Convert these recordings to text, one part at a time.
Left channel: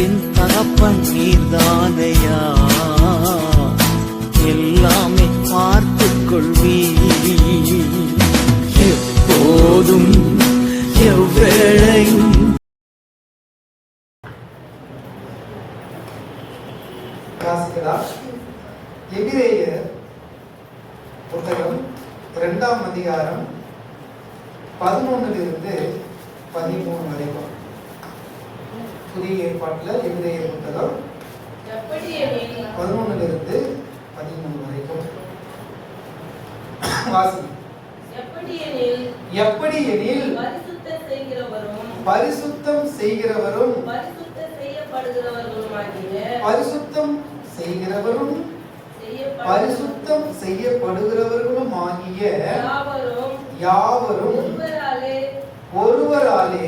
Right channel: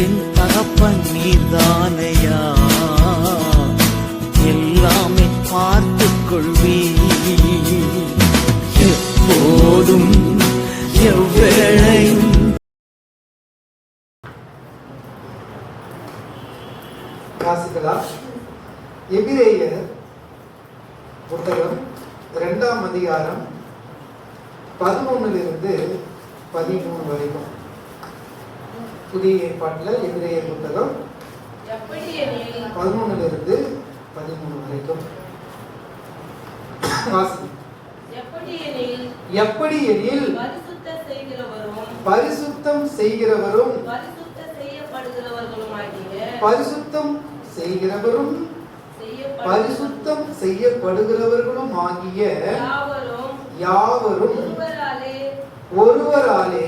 என் தகப்பன் நீர்தானையா, எல்லாமே பார்த்து கொள்வீ, எப்போதும் எவ்வேளையும். எபிரேயர் புத்தகம் 2ஆம் அதிகாரம் 11 13 வரைக்கும். புதிய ஏற்பாட்டில் எபிரேயர் புத்தகம் 11 13 வரைக்கும் வாசி. எப்படி எனில் பரிசுத்தம் செய்கிறவரும் பரிசுத்தம் செய்யப்படுகிறவர்களும் ஆகிய யாவரும் ஒருவராலே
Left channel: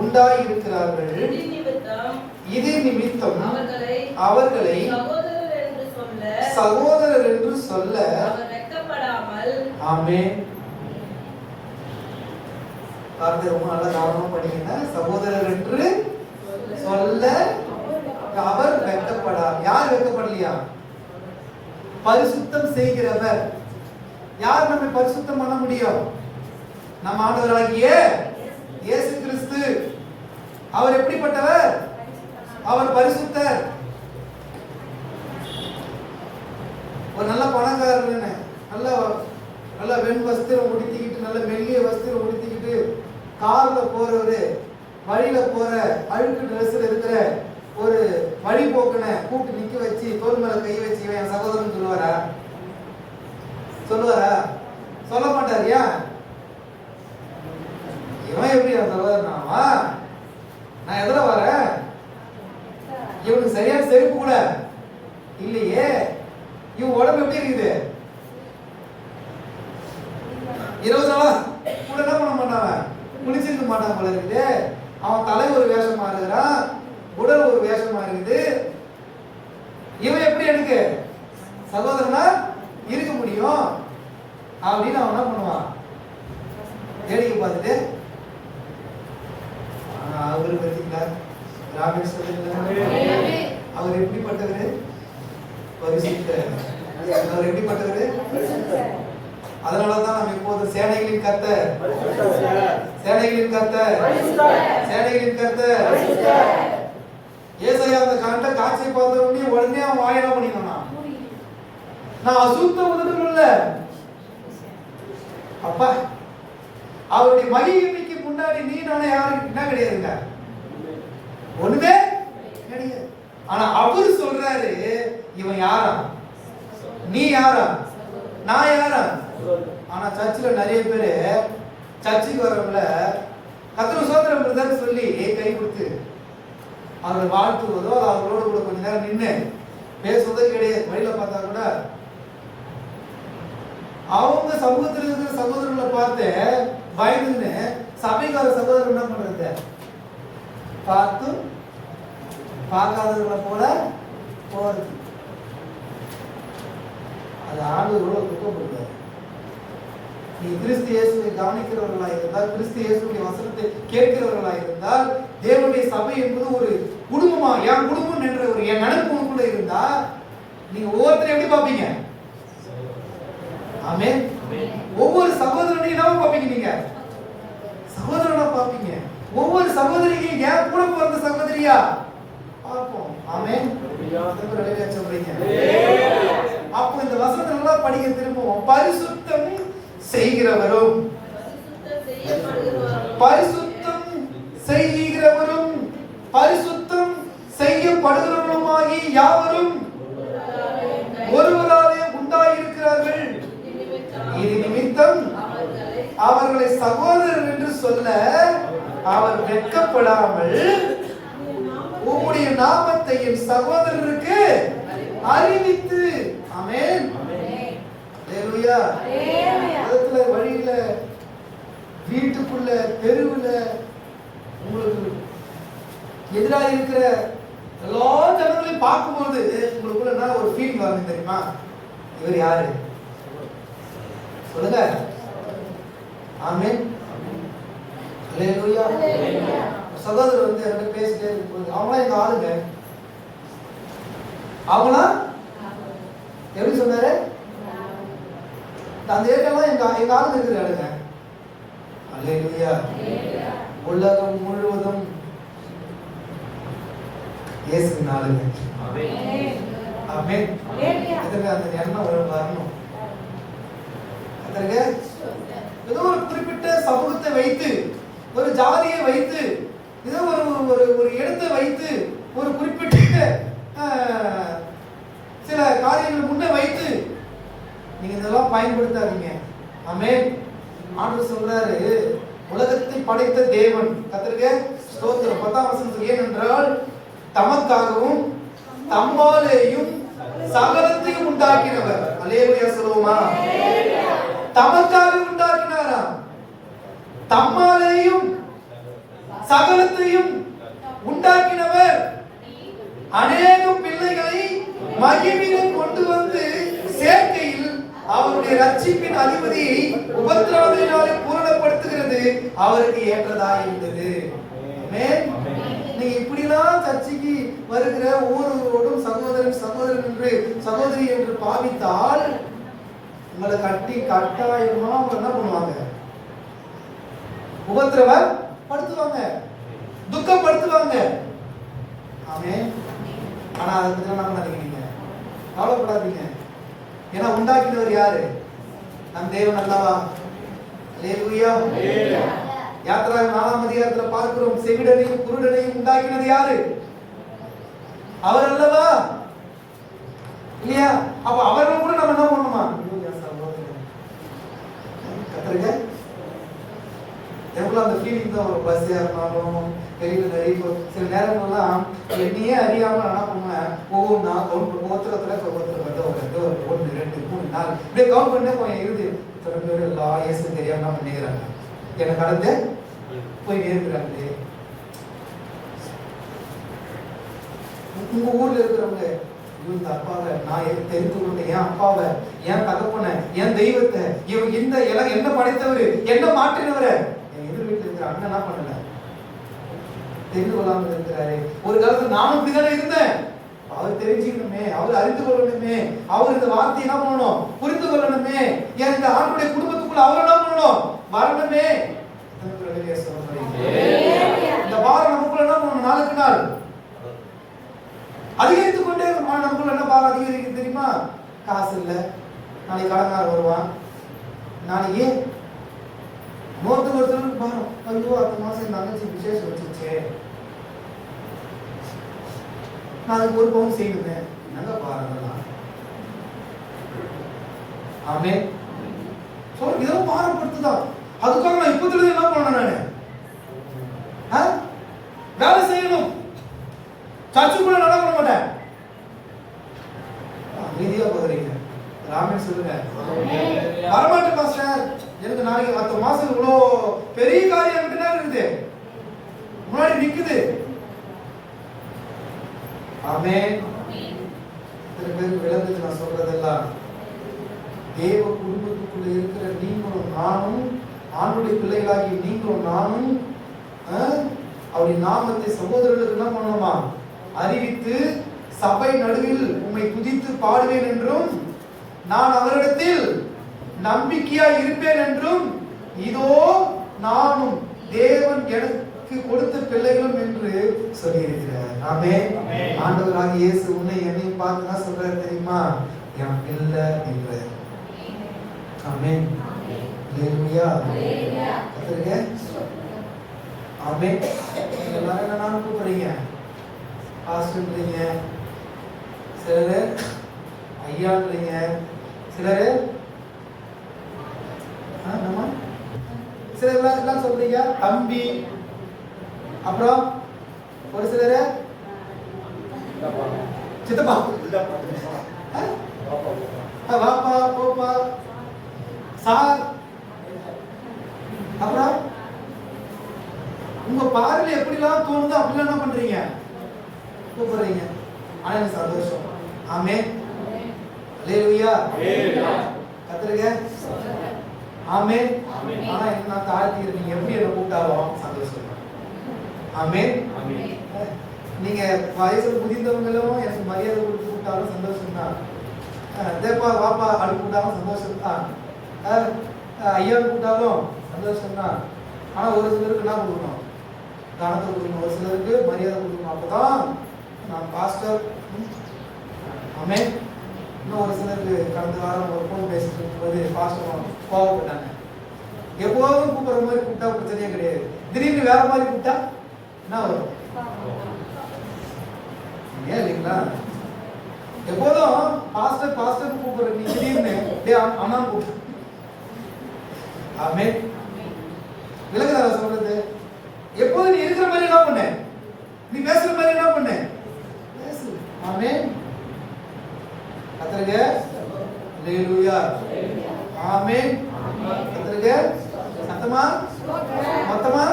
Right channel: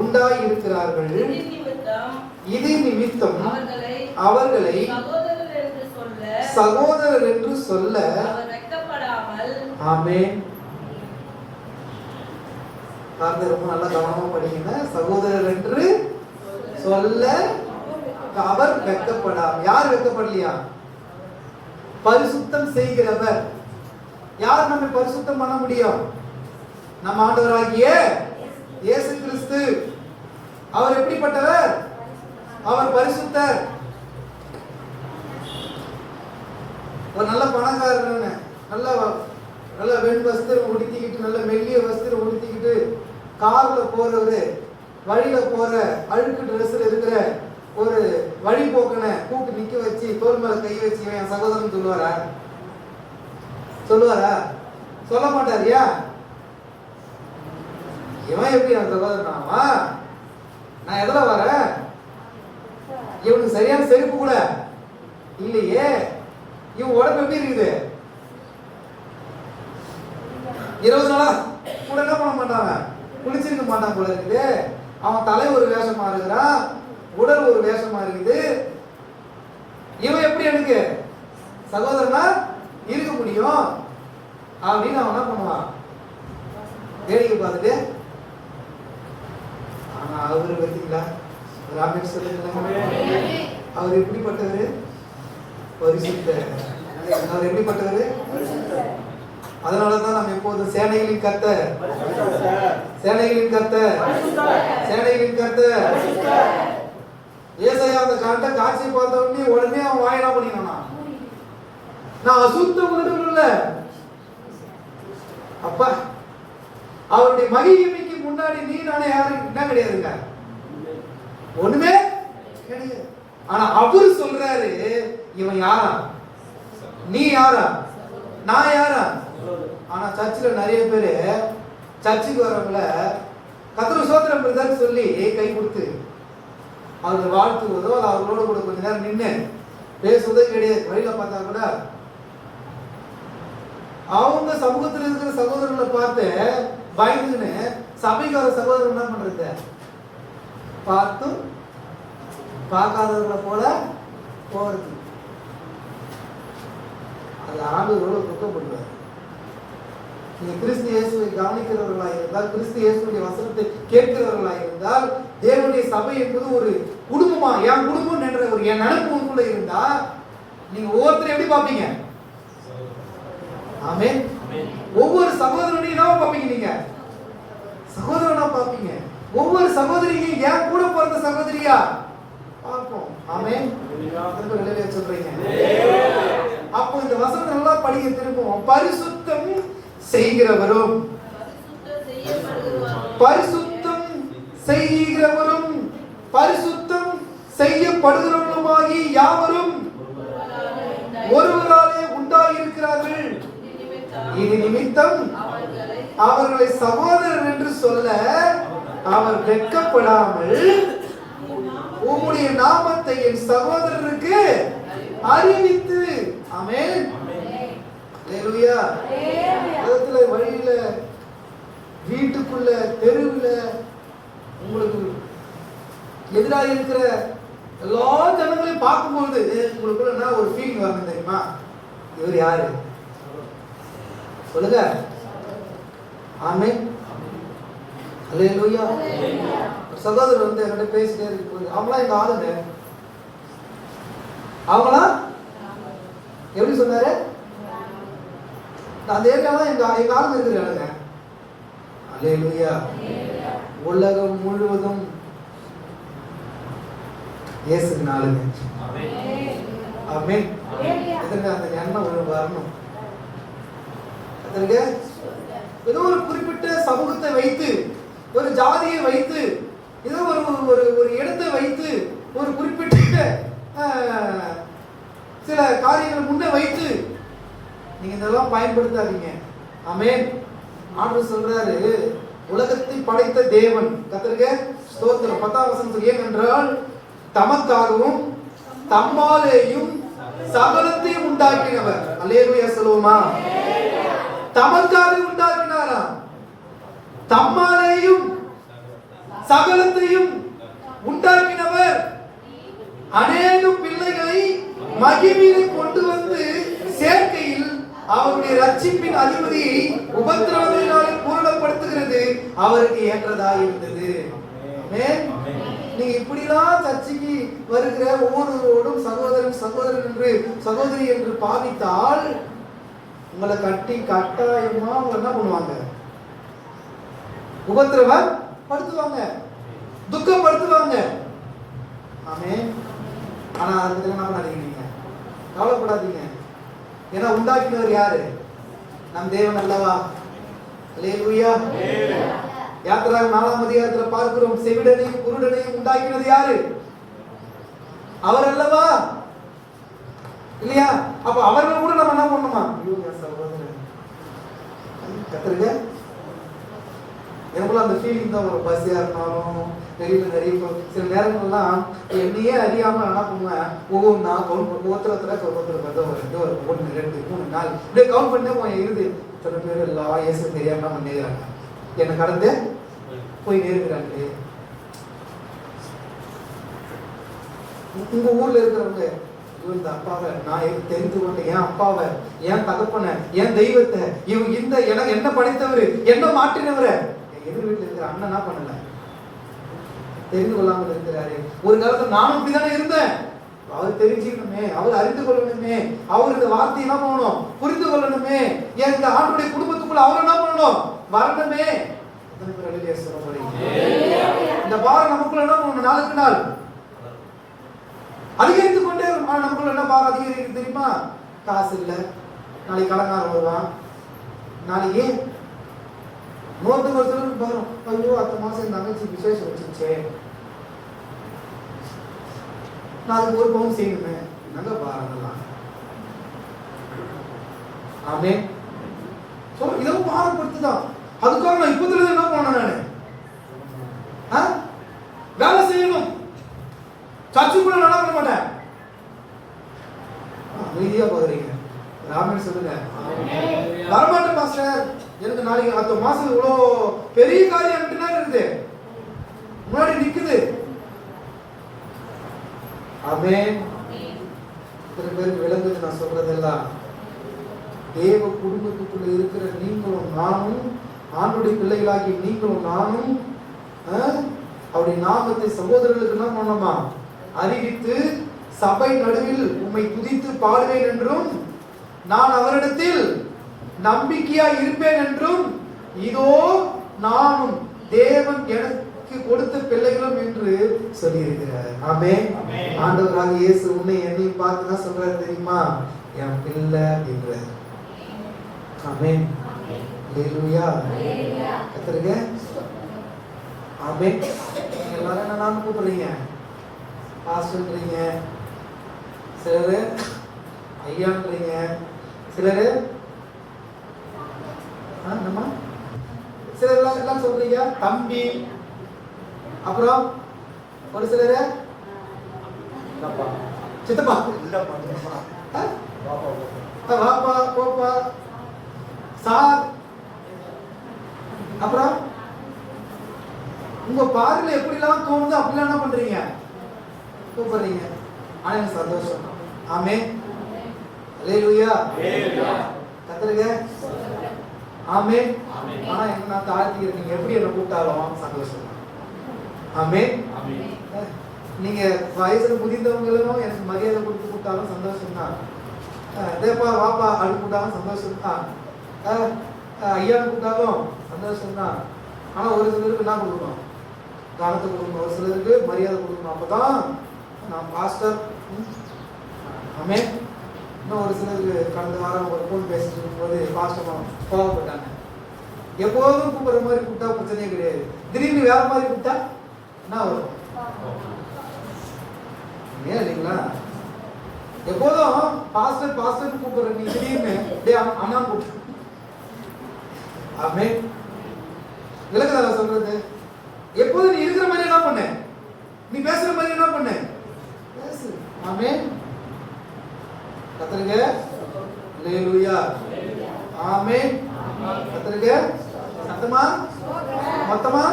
உண்டாயிருக்கிறார்கள். இது நிமித்தம் அவர்களை சகோதரர் என்று சொல்ல ஆமென். ரொம்ப நல்லா கவனமா படிங்க. சகோதரர் என்று சொல்ல அவர் வெட்கப்படாம். யார் வெட்கப்படலையா? பரிசுத்தம் செய்கிறவர். யார் நம்மை பரிசுத்தம் பண்ண முடியும்? நம் ஆண்டவராகிய இயேசு கிறிஸ்து. அவர் எப்படிப்பட்டவர்? அவர் பரிசுத்தர். ஒரு நல்ல பணக்காரர், நல்ல வெண் வஸ்திரம் உடுத்திக்கிட்டு, நல்ல மெல்லிய வஸ்திரம் உடுத்திக்கிட்டு கார்ல போறவரு, வழியில போற அழுக்கு ட்ரெஸ்ல இருக்கிற ஒரு வழிபோக்கனை கூப்பிட்டு நிக்க வச்சு தோல் மேல கை வச்சு என் சகோதரன் சொல்லுவாரா? சொல்ல மாட்டாரியா? இவன் எப்படி என் சகோதரனாவா? நான் எதுல வரேன்? இவனுக்கு சரியான செருப்பு கூட இல்லையே. இவன் உடம்பு எப்படி இருக்குது? 20 நாளா கூட என்ன பண்ண மாட்டான், குளிச்சிருக்க மாட்டான் போல இருக்குது. அவன் தலை ஒரு வேஷமா இருக்கிறான், உடல் ஒரு வேஷமா இருக்குது. இவன் எப்படி எனக்கு சகோதரனா இருக்க முடியும் அப்படின்னு அவன் என்ன பண்ணுவான்? வேடிக்கை பார்த்துட்டு அவரு பார்த்தீங்களா ராமேஸ்வரன் அவர் எப்படிப்பட்டவரு? பரிசுத்தர். அவர் எப்படிப்பட்டவரு? அதனாலதான் நம்ம இப்போது சேனைகளின் கர்த்தர், சேனைகளின் கர்த்தர், சேனைகளின் கர்த்தர். ஏசாயா அந்த காட்சியை பார்த்த உடனே அவன் வாயிலா பண்ணினானா, நான் அசுத்த உணர்வு இல்ல அப்பா. அவருடைய மகிமைக்கு முன்னாடி நீ நானே யாருக்கு என்ன கிடையாதுங்க, ஒண்ணுமே கிடையாது. ஆனா அவரு சொல்றாரு, இவன் யாரா? நீ யாரா? நான் யாரா? ஆனா சர்ச்சில் நிறைய பேரு சர்ச்சுக்கு வரவங்கள கர்த்தர் சோதரம் பிரதர் சொல்லி கை கொடுத்து அவரை வாழ்த்துவதோ அவர்களோட கூட கொஞ்ச நேரம் நின்று பேசுவதோ கிடையாது. வழியில பார்த்தா கூட அவங்க சமூகத்தில் இருக்கிற சகோதரர்களை பார்த்து பயந்துன்னு சபைக்கார சகோதரர் என்ன பண்றது? பார்த்து பார்க்காதவர்களை போல போறது. அது ஆண்டவரோட குற்றப்படுவார். நீ கிறிஸ்து இயேசுவை கவனிக்கிறவர்களாக இருந்தால், கிறிஸ்து இயேசுடைய வசனத்தை கேட்கிறவர்களாக இருந்தால், தேவனுடைய சபை என்பது ஒரு குடும்பமா, என் குடும்பம் என்ற ஒரு என் நினைப்பு கூட இருந்தா நீங்க ஒவ்வொருத்தரும் எப்படி பார்ப்பீங்க? ஆமென். ஒவ்வொரு சகோதரனையும் என்ன பார்ப்பீங்க? நீங்க சகோதரனா பார்ப்பீங்க. ஒவ்வொரு சகோதரியும் என் கூட பிறந்த சகோதரியா பார்ப்போம். ஆமென். சொல்றீங்க. அப்போ இந்த வசனம் நல்லா படிக்க திரும்பவும். பரிசுத்தம் செய்கிறவரும் பரிசுத்தம் செய்கிறவரும் பரிசுத்தம் செய்யப்படுகிறவருமாகி யாவரும் ஒருவராலே உண்டாயிருக்கிறார்கள். இது நிமித்தம் அவர்களை சகோதரர் என்று சொல்ல அவர் வெட்கப்படாமல் உம்முடைய நாமத்தை என் சகோதரருக்கு அறிவித்து. ஆமென். ஹல்லேலூயா. வழியில, வீட்டுக்குள்ள, தெருவுல உங்களுக்கு எதிராக இருக்கிற எல்லா ஜனங்களையும் பார்க்கும்போது உங்களுக்குள்ள என்ன ஒரு ஃபீலிங் வரும் தெரியுமா? இவர் யாரு? சொல்லுங்க. ஆமென். ஹல்லேலூயா. சகோதரர் வந்து என்கிட்ட பேசிட்டே இருக்கும்போது, அவங்களாம் எங்க ஆளுங்க, அவங்களாம் எப்படி சொன்னாரு, அந்த ஏரியாலாம் எங்க ஆளுங்க இருக்கிறாங்க. அல்லேலூயா. உலகம் முழுவதும் இயேசுவின் ஆளுங்க. ஆமென். இதுங்க அந்த எண்ணம் வரணும். அதற்கு ஏதோ ஒரு குறிப்பிட்ட சமூகத்தை வைத்து, ஒரு ஜாதியை வைத்து, ஏதோ ஒரு இடத்தை வைத்து, ஒரு குறிப்பிட்ட சில காரியங்கள் முன்னே வைத்து நீங்க இதெல்லாம் பயன்படுத்தாதீங்க. ஆமென். ஆண்டவர் சொல்றாரு, உலகத்தை படைத்த தேவன், கர்த்தருக்கு ஸ்தோத்திரம். 10ஆம் வசனம், ஏனென்றால் தமக்காகவும் தம்மாலேயும் சகலத்தையும் உண்டாக்கினவர். அல்லேலூயா சொல்லுவோமா? தமக்காக உண்டாக்கினாராம், தம்மாலேயும் சகலத்தையும் உண்டாக்கினவர் அநேக பிள்ளைகளை மகிமையிலே கொண்டு வந்து சேர்க்கையில் அவருடைய ரட்சிப்பின் அதிபதியை உபத்திரவங்களினாலே பூரணப்படுத்துகிறது அவருக்கு ஏற்றதாக இருந்தது. நீங்க இப்படிலாம் சர்ச்சைக்கு வருகிற ஒவ்வொருவரோடும் சகோதரன் சகோதரன் என்று சகோதரி என்று பாவித்தால் உங்களை கட்டாயமா என்ன பண்ணுவாங்க? உபத்திரவப்படுத்துவாங்க, துக்கப்படுத்துவாங்க. ஆமே. ஆனா அதை பத்தி என்ன நினைக்கிறீங்க? கவலைப்படாதீங்க. ஏன்னா உண்டாக்கினவர் யாரு? நம் தேவன் அல்லவா? அல்லேலூயா. யாத்திராகமம் 4ஆம் அதிகாரத்துல பார்க்கிறோம், செவிடனையும் குருடனையும் உண்டாக்கினது யாரு? அவர் அல்லவா? இல்லையா? அப்ப அவர்கள் கூட நம்ம என்ன பண்ணணுமா? கத்திருக்க எனக்குள்ள அந்த ஃபீலிங் தான். ஒரு பஸ்ஸா இருந்தாலும் பெரிய சில நேரங்கள்லாம் என்னையே அறியாம என்ன பண்ணுவேன், ஒவ்வொன்றா கவுண்ட் ஒரு 1 2 3 4 இப்படியே கவுண்ட் பண்ணே போய் இருந்து சில பேர் எல்லாம் இயேசு தெரியாம பண்ணிக்கிறாங்க, என்னை கடந்து போய் நேருகிறாங்க. உங்க ஊர்ல இருக்கிறவங்க, இந்த அப்பாவை நான் தெரிந்து கொண்டேன், என் அப்பாவை, என் தகப்பனை, என் தெய்வத்தை, இவங்க இந்த என்ன படைத்தவர், என்ன மாற்றினவரை என் எதிர் வீட்டில் இருக்கிற அண்ணன் என்ன பண்ணல, தெரிந்து கொள்ளாமல் இருக்கிறாரு. ஒரு காலத்துல நானும் இப்படிதானே இருந்தேன், அவர் தெரிஞ்சுக்கணுமே, அவர் அறிந்து கொள்ளணுமே, அவர் இந்த வார்த்தையை என்ன பண்ணணும், புரிந்து கொள்ளணுமே, என் இந்த ஆண்டுடைய குடும்பத்துக்குள்ள அவர் என்ன பண்ணணும், வரணுமே. இந்த வாரம் நமக்குள்ள என்ன பண்ணணும், நாளுக்கு நாள் அதிகரித்துக் கொண்டே நமக்குள்ள என்ன பாரம் அதிகரிக்கு தெரியுமா? காசு இல்ல, நாளைக்கு கடன்காரன் வருவான், நாளைக்கு நோட்டு வருஷத்துக்கு பாரம், ஐயோ அடுத்த மாசம் எங்க தங்கச்சி விசேஷம் வச்சுச்சே, நாளைக்கு ஒரு பவுன் செய்யணுமே, நல்ல பாருங்கலாம். ஆமே. சோ இதெல்லாம் பாரப்படுத்துதான். அதுக்காக நான் இப்பத்துல என்ன பண்ணணும், நானு வேலை செய்யணும், சர்ச்சுக்குள்ள நடக்க மாட்டேன். அமைதியா போகிறீங்க, ராமன் சொல்லுங்க, வரமாட்டேன் மாஸ்டர், எனக்கு நாளைக்கு அடுத்த மாசம் இவ்வளோ பெரிய காரியம் இருக்குது முன்னாடி நிக்குது. ஆமே. சில பேருக்கு விளங்குது நான் சொல்றதெல்லாம். தேவ குடும்பத்துக்குள்ள இருக்கிற நீங்களும் நானும், ஆண்டுடைய பிள்ளைகளாகி நீங்களும் நானும் அவருடைய நாமத்தை சகோதரர்களுக்கு என்ன பண்ணணுமா, அறிவித்து சபை நடுவில் உம்மை துதித்து பாடுவேன் என்றும், நான் அவரிடத்தில் நம்பிக்கையா இருப்பேன் என்றும், இதோ நானும் தேவன் எனக்கு கொடுத்த பிள்ளைகளும் என்று சொல்லியிருக்கிறார். ஆமென். ஆண்டவராகிய இயேசு உன்னை என்னையும் பார்த்து என்ன சொல்றாரு தெரியுமா? என் பிள்ளை என்றார். ஆமென். அல்லேலூயா. கர்த்தருக்கு ஆமென். நீங்க என்ன நாம கூப்பிடுறீங்க, பாஸ்டர்ன்றீங்க, சிலரு ஐயான்றீங்க, சிலரு சிலர் எல்லாம் சொல்றீங்க தம்பி, அப்புறம் ஒரு சிலரு சித்தப்பா, வாப்பா, போப்பா, சார், அப்புறம் உங்க பார்வையில எப்படிலாம் தோணுதோ அப்படிலாம் என்ன பண்றீங்க, கூப்பிடுறீங்க. ஆனா எனக்கு சந்தோஷம். ஆமென். அல்லேலூயா. கர்த்தருக்கு ஆமென். ஆனா என்ன நான் தாழ்த்தி, நீங்க எப்படி என்ன கூப்பிட்டாலும் சந்தோஷம். ஆமென். நீங்க வயசுல புதிந்தவங்க எல்லாம் எனக்கு மரியாதை கொடுத்து கூப்பிட்டாலும் சந்தோஷம் தான். தேப்பா வாப்பா அப்படி கூப்பிட்டாலும் சந்தோஷம் தான். ஐயாவுக்கு கூப்பிட்டாலும் சந்தோஷம் தான். ஆனா ஒரு சிலருக்கு என்ன கொடுக்கணும்? தானத்தை கொடுக்கணும். ஒரு சிலருக்கு மரியாதை கொடுக்கணும். அப்பதான் நான் பாஸ்டர். ஆமென். இன்னும் ஒரு சிலருக்கு கடந்த வாரம் ஒரு ஃபோன் பேசிட்டு இருக்கும்போது பாஸ்டர் கோவப்பட்டாங்க. எப்போதும் கூப்பிடுற மாதிரி கூப்பிட்டா பிரச்சனையே கிடையாது. திடீர்னு வேற மாதிரி கூப்பிட்டா என்ன வரும்? ஏன் இல்லைங்களா? எப்போதும் பாஸ்டர் பாஸ்டர் கூப்பிடுற நீ திடீர்னு அண்ணா கூப்பிட்டு. ஆமென். விளக்குதா சொல்றது? எப்போதும் நீ இருக்கிற மாதிரி என்ன பண்ண, நீ பேசுற மாதிரி என்ன பண்ண, பேசு. ஆமென். கர்த்தருக்கு அல்லேலூயா. ஆமென். கர்த்தருக்கு சத்தமா மொத்தமா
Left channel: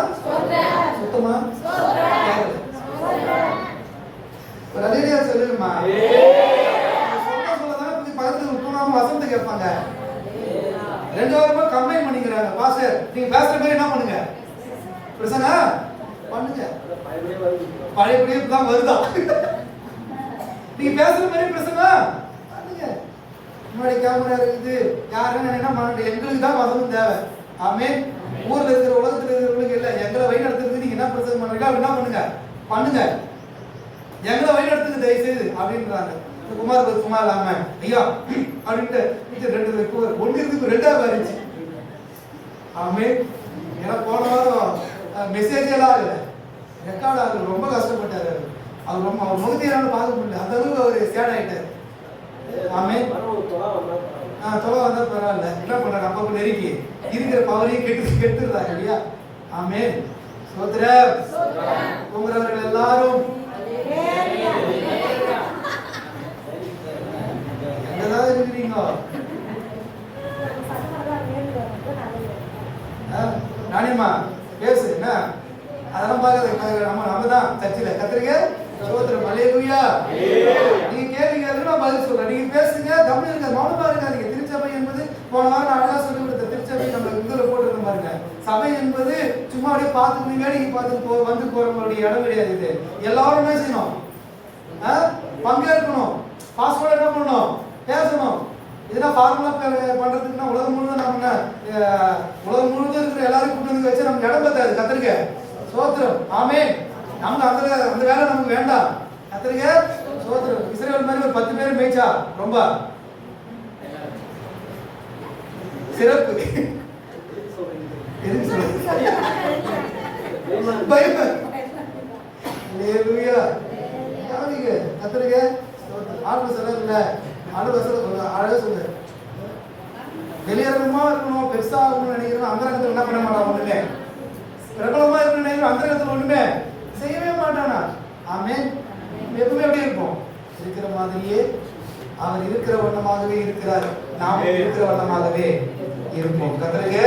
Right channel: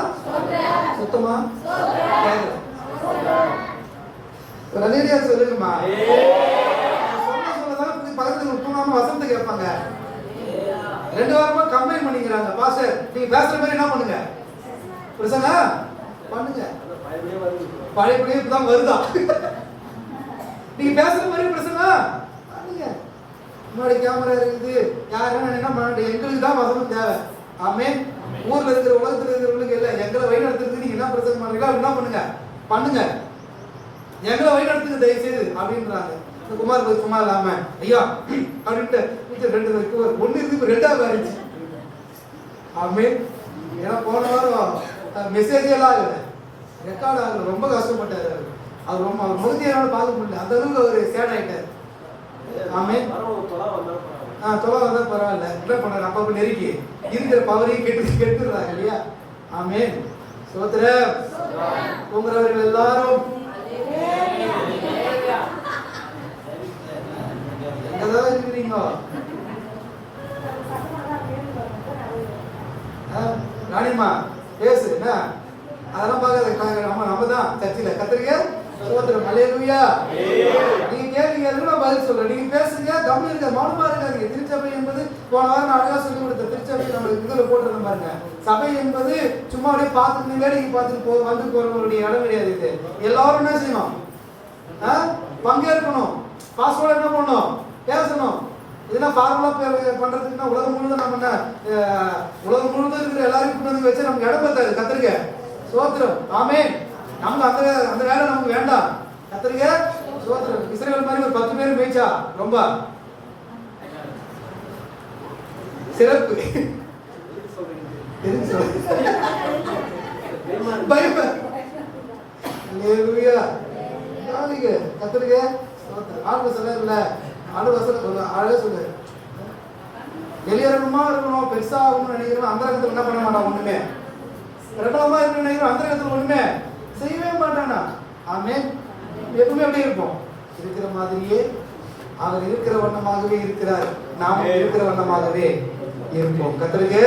சுத்தமா ஒரு அல்லேலூயா சொல்லுங்கம்மா. சொல்லதான் பக்கத்துல தூணாம வசந்த கேட்பாங்க. 2 வாரமா கம்ப்ளைண்ட் பண்ணிக்கிறாங்க. பாஸ்டர் நீங்க பேசுற மாதிரி என்ன பண்ணுங்க, பிரசங்க பண்ணுங்க. பழையபடியே தான் வருதா? நீங்க பேசுற மாதிரி பிரசங்க பண்ணுங்க. முன்னாடி கேமரா இருக்குது. யாருன்னு என்ன பண்ண, எங்களுக்கு தான் வசனம் தேவை. ஆமென். ஊர்ல இருக்கிற உலகத்துல இருக்கிறவங்களுக்கு இல்ல, எங்களை வழி நடத்துறதுக்கு நீங்க என்ன பிரசங்கம் பண்றீங்க அப்படி என்ன பண்ணுங்க, பண்ணுங்க. எங்களை வழி நடத்துக்கு தயவு செய்து அப்படின்றாங்க. குமார் சும்மா இல்லாம ஐயா அப்படின்ட்டு 2 ஒண்ணு இருக்கு 2ஆவது ஆயிடுச்சு. ஆமென். ஏன்னா போன வாரம் மெசேஜ் எல்லாம் ஆகல, ரெக்கார்ட் ஆகல. ரொம்ப கஷ்டப்பட்டாரு அவர். ரொம்ப அவர் முகத்தையால பார்க்க முடியல. அந்த அளவுக்கு அவர் சேட் ஆயிட்டாரு. ஆமென். தொலை வந்தா பரவாயில்ல. என்ன பண்றாரு, அப்பப்ப நெருக்கி இருக்கிற பவரையும் கெட்டுறாங்க இல்லையா? ஆமென். சோத்திரம். தூங்குறவர்கள் எல்லாரும் எங்கதான் இருக்கிறீங்க? ராணியம்மா பேசு. என்ன அதெல்லாம் பார்க்கறது நம்ம தான் சர்ச்சில் கத்திரிக்க சோத்திரம். அல்லேலூயா. நீங்க கேட்கறீங்க, நான் பதில் சொல்றேன். நீங்க பேசுங்க, கம்மியா இருக்க, மௌனமா இருக்காதீங்க. திருச்சபை என்பது போன வாரம் நான் அழகா சொல்லி கொடுத்த திருச்சபை நம்ம இதுல போட்டுருந்த பாருங்க. சபை என்பது சும்மா அப்படியே பார்த்துட்டு வேலைக்கு பார்த்துட்டு வந்து போறவங்களுடைய இடம் கிடையாது. இது எல்லாரும் என்ன செய்யணும், பங்கேற்கணும். பாஸ்வேர்டு என்ன பண்ணணும், பேசணும். இதெல்லாம் ஃபார்முலா பண்றதுக்குன்னா உலகம் முழுவதும் நம்ம என்ன உலகம் முழுவதும் இருக்கிற எல்லாரும் கொண்டு வந்து வச்சு நமக்கு இடம் பத்தாது. கத்திரிக்க சோத்திரம். ஆமென். நமக்கு அந்த வேலை நமக்கு வேண்டாம். கத்திரிக்க சோத்திரம். இஸ்ரவேல் மாதிரி ஒரு 10 பேர் மேய்ச்சா ரொம்ப சிறப்பு. எதுக்கு சொல்றது? பைபிள். அல்லேலூயா. யாருக்கு கத்திரிக்க ஆண்டு சொல்ல இல்ல, ஆண்டு வசனம் சொல்ல அழகா சொல்லு. வெளியேறமா இருக்கணும், பெருசா ஆகணும்னு நினைக்கிறோம். அந்த இடத்துல என்ன பண்ண மாட்டான், ஒண்ணுமே பிரபலமா இருக்கணும்னு நினைக்கிறோம். அந்த இடத்துல ஒண்ணுமே செய்யவே மாட்டானா. ஆமென். எப்பவுமே எப்படி இருப்போம், இருக்கிற மாதிரியே. அவர் இருக்கிற வண்ணமாகவே இருக்கிறார், நாம இருக்கிற வண்ணமாகவே இருப்போம். கர்த்தருக்கு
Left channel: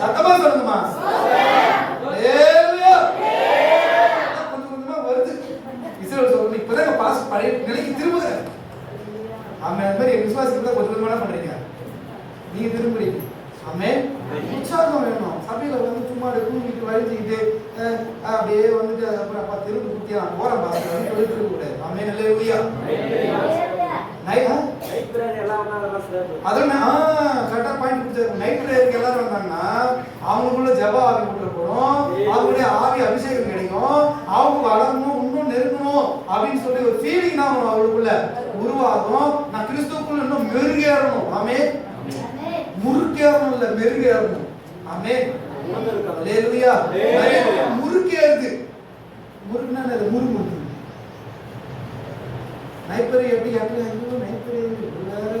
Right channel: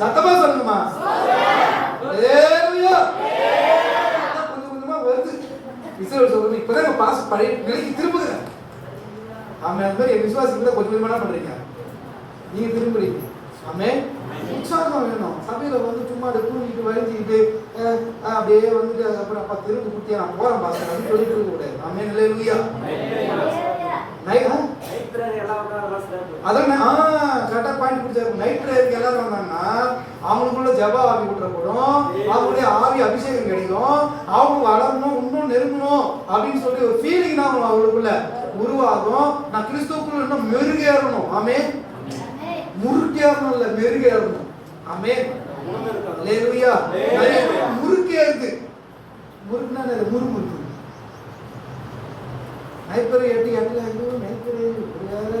சத்தமா சொல்லுமா. அல்லேலூயா. கொஞ்சம் கொஞ்சமா வருது. இஸ்ரவேல் சொல்றது இப்பதான் பாஸ் பழைய நிலைக்கு திரும்புது. ஆமென். அந்த மாதிரி விசுவாசத்தை கொஞ்சம் கொஞ்சமா பண்றீங்க, நீங்க திரும்புறீங்க. ஆமென். உற்சாகம் வேணும். சபையில வந்து சும்மா தூங்கிட்டு வலிஞ்சிக்கிட்டு அப்படியே வந்துட்டு அதுக்கப்புறம் 10 இருக்கு குட்டியா நான் போறேன் பாஸ்டர் வந்து சொல்லிட்டு இருக்க கூடாது. ஆமென். அல்லேலூயா. அதான் கரெக்டா பாயிண்ட் பிடிச்சாரு. நைட் பிரேயருக்கு எல்லாரும் வந்தாங்கன்னா அவங்களுக்குள்ள ஜெப ஆவி விட்டுற போறோம், அவங்களுடைய ஆவி அபிஷேகம் கிடைக்கும், அவங்க வளரணும், இன்னும் நெருங்கணும் அப்படின்னு சொல்லி ஒரு ஃபீலிங் தான் அவங்களுக்குள்ள உருவாகும். நான் கிறிஸ்துவுக்குள்ள இன்னும் மெருகேறணும். ஆமென். முறுக்கேறணும் இல்ல, மெருகேறணும். ஆமென். அல்லேலூயா. முறுக்கேறுது. முறுக்குனா அது முறுமுறுக்கு. நைப்பர் 8 நைப்பர் வேற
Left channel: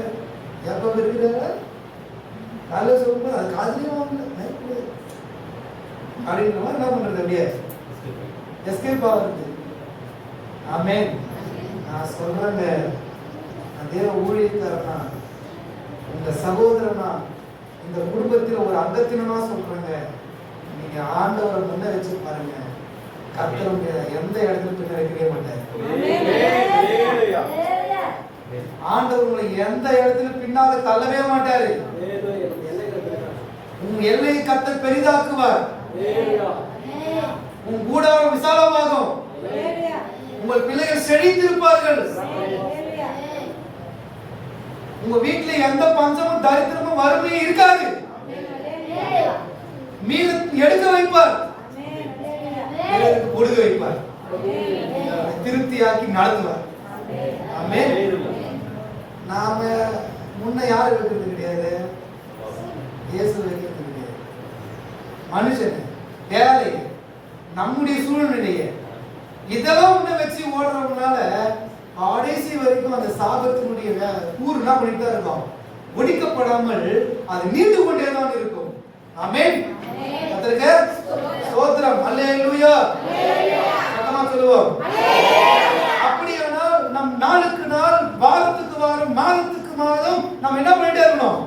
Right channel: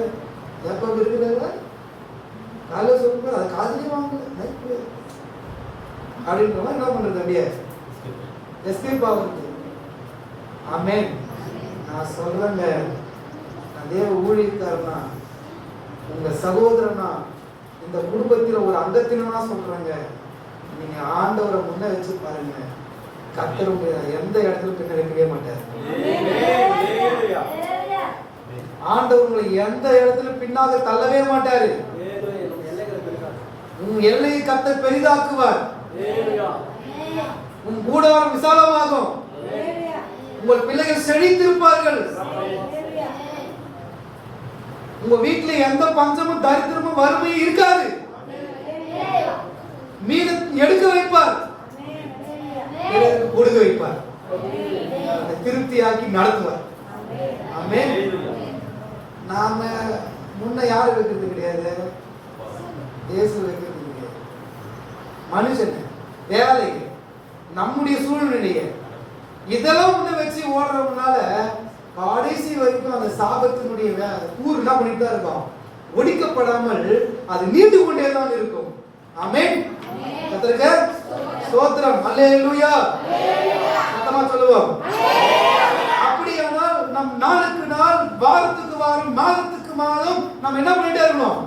யாக்கோபு இருக்கிறாங்க. காலையில் சொல்லும்போது அது காதலியும் வாங்கல நைப்பர் அப்படின்றவங்க என்ன பண்றது, அப்படியே எஸ்கேப் ஆகுது. ஆமென். நான் சொல்றேங்க, அதே ஊழியக்காரனா, உங்க சகோதரனா, இந்த குடும்பத்தில் ஒரு அங்கத்தினா சொல்றாங்க, நீங்க ஆண்டவரை முன்ன வச்சு பாருங்க. கர்த்தருடைய எந்த இடத்துல பின்னடைக்கவே மாட்டார். ஆண்டவர் உங்களை எந்த இடத்துல பின்னால தள்ளவே மாட்டாரு. உங்க எல்லையை கர்த்தர் பெரிதாக்குவார். உன் கூடாரம் விசாலமாகும். உங்கள் பிள்ளைகள் செழித்திருப்பார்கள். உங்க வீட்டுல எந்த பஞ்சமும் தரித்திரமும் வறுமையும் இருக்காது. மீத எடுக்க வைப்பார், கொடுக்க வைப்பார், திருப்தியாக்கி நடத்துவார். ஆமென். நாம முன்ன யாரு வைக்கிறது கிடையாது, இயேசு வைக்கிறது கிடையாது. மனுஷன் வேலை நம்முடைய சூழ்நிலையை இதெல்லாம் முன்ன வச்சு ஓடுறதுனால கடைசி வரைக்கும் அந்த சாபத்தினுடைய கூறு என்ன பண்ணிட்டு தான் இருக்கும், ஒடிக்கப்படாமல் அது நீண்டு கொண்டே தான் இருக்கும். ஆமென். கர்த்தருக்கு ஸ்தோத்திரம். அல்லேலூயா. சத்தமா சொல்லுவோம். அப்படியானால் நம் நாளுக்கு நாள், வாரத்துக்கு வாரம், மாதத்துக்கு மாதம் நாம் என்ன பண்ணிட்டே இருக்கணும்,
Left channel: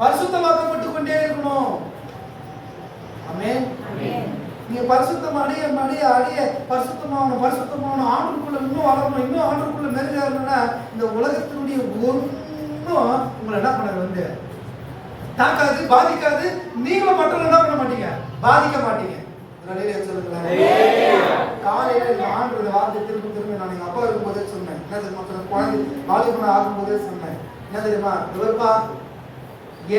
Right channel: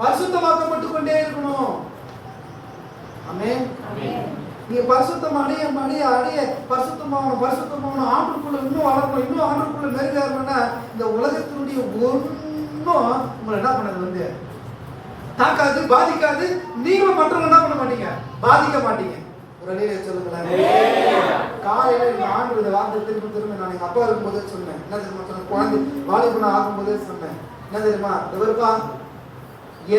பரிசுத்தமாக்கப்பட்டு கொண்டே இருக்கணும். ஆமென். நீ பரிசுத்தம் அடைய பரிசுத்தமான ஆண்டுக்குள்ள இன்னும் வளரணும், இன்னும் ஆண்டுக்குள்ள மெருகேறணும்னா இந்த உலகத்தினுடைய ஒன்றும் உங்களை என்ன பண்ணது தாக்காது, பாதிக்காது. நீங்க மற்றவங்க என்ன பண்ண மாட்டீங்க, பாதிக்க மாட்டீங்க. ஒரு அலையில சொல்லுங்களேன். காலையில இந்த ஆண்டு இந்த வார்த்தை திரும்ப நான் எங்க அப்பா இருக்கும்போதே சொன்னேன். என்ன தெரியுமா, குழந்தை வாலிபுரம் ஆகும்போதே சொன்னேன். என்ன தெரியுமா, இவருப்பா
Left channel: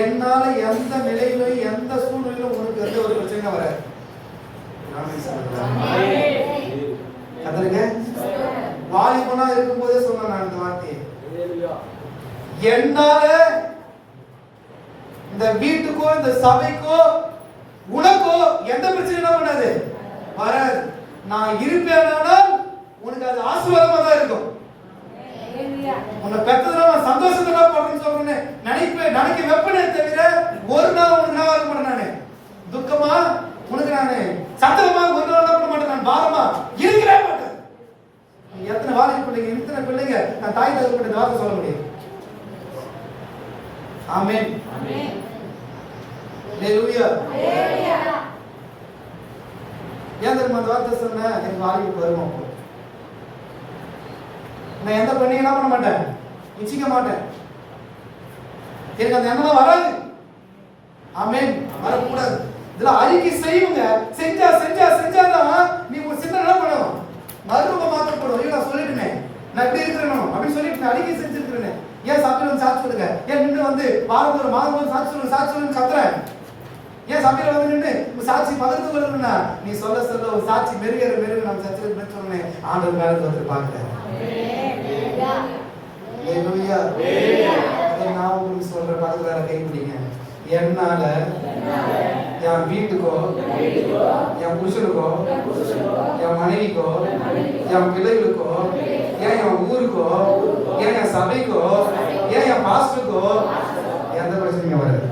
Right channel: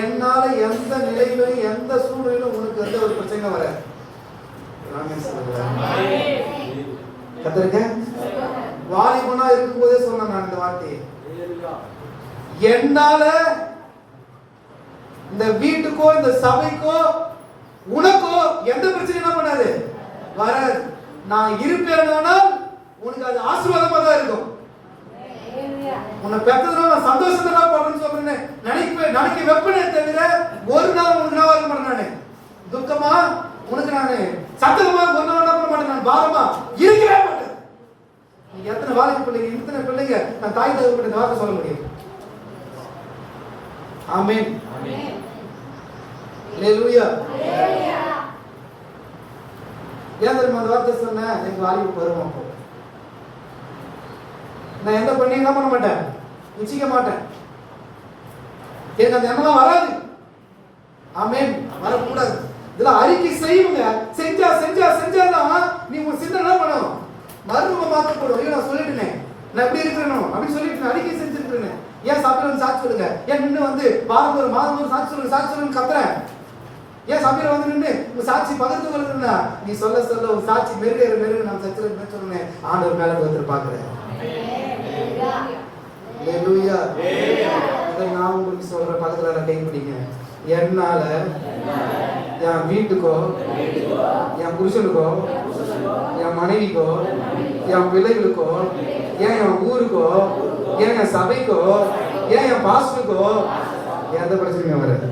என்னால எந்த நிலையிலும் எந்த சூழ்நிலையிலும் உங்களுக்கு எந்த ஒரு பிரச்சனை வராது. கத்தருங்க. வாலிபனா இருக்கும்போதே சொன்னேன் நான் இந்த வார்த்தையை. என்னால இந்த வீட்டுக்கோ இந்த சபைக்கோ உனக்கோ எந்த பிரச்சனையும் பண்ணாது, வராது. நான் இருப்பேனால் உனக்கு அது ஆசீர்வாதமா தான் இருக்கும். உன்னை பெற்றதுல நான் சந்தோஷமா பண்றேன்னு சொல்றேன். நினைக்க வெப்பனே தவிர ஒரு நாள் உனக்கு நான் இருக்க மாட்டேன். நானு துக்கமா உனக்கு நானு சத்தமா ஒரு நாள் பண்ண மாட்டேன். நான் பாரமா இருக்கவே மாட்டேன். நீங்க எத்தனை வாலிப பிள்ளைங்க, எத்தனை பிள்ளைங்க நான் தாய் தகவல் இந்த வார்த்தை சொல்ல முடியும். ஆமென். அல்லேலூயா. ஏன் தெரியுமா அந்த வார்த்தை சொன்னேன், எனக்கு வாலிபு வருவோம். நான் எந்த பண்ணி என்ன பண்ண மாட்டேன், இச்சிக்க மாட்டேன். எனக்கு அந்த எண்ணம் வராது. ஆமென். வரக்கூடாது. இதுல அறிக்கை செய்யுங்க. செஞ்சாதான் நீ உங்க சிந்தனை என்ன பண்ணும், மறுரூபம் மாற்றப்படும். ஐயோ நான் சொல்லிட்டேனே, நான் இப்படி இருக்கிறேன் அப்படின்னு சொல்லிட்டு அறிக்கை செஞ்சிருக்கிறேன். ஏன் சபையில சாட்சி சொல்லுங்க, ஏன் நின்று வந்து வாரம் ஒரு மாதம் ஒரு சாட்சி சொல்லுங்க கத்துறேன். ஏன் சபையில வந்து நின்று உங்க சாட்சி பகிர்ந்து கொள்ளுன்னா நீ சொல்ல ஒரு சாட்சி மெருக நான் சச்சிருக்கேன்னு சொன்னேன். ஆண்டவர் மேல ஒருத்தர் பாக்குறேன். அல்லேலூயா. நான் உங்களுக்கு சொல்ற பக்கத்துல கை பிடிங்க. என்னால என் வீட்டுக்கோ, என் புருஷனுக்கோ, என் மனைவிக்கோ, என் பிள்ளைகளுக்கோ, ஏன் என் ஊருக்கோ, ஏன் என் சபைக்கோ, ஏன் என் பாஸ்டருக்கோ எந்த பிரச்சனையும் வராது.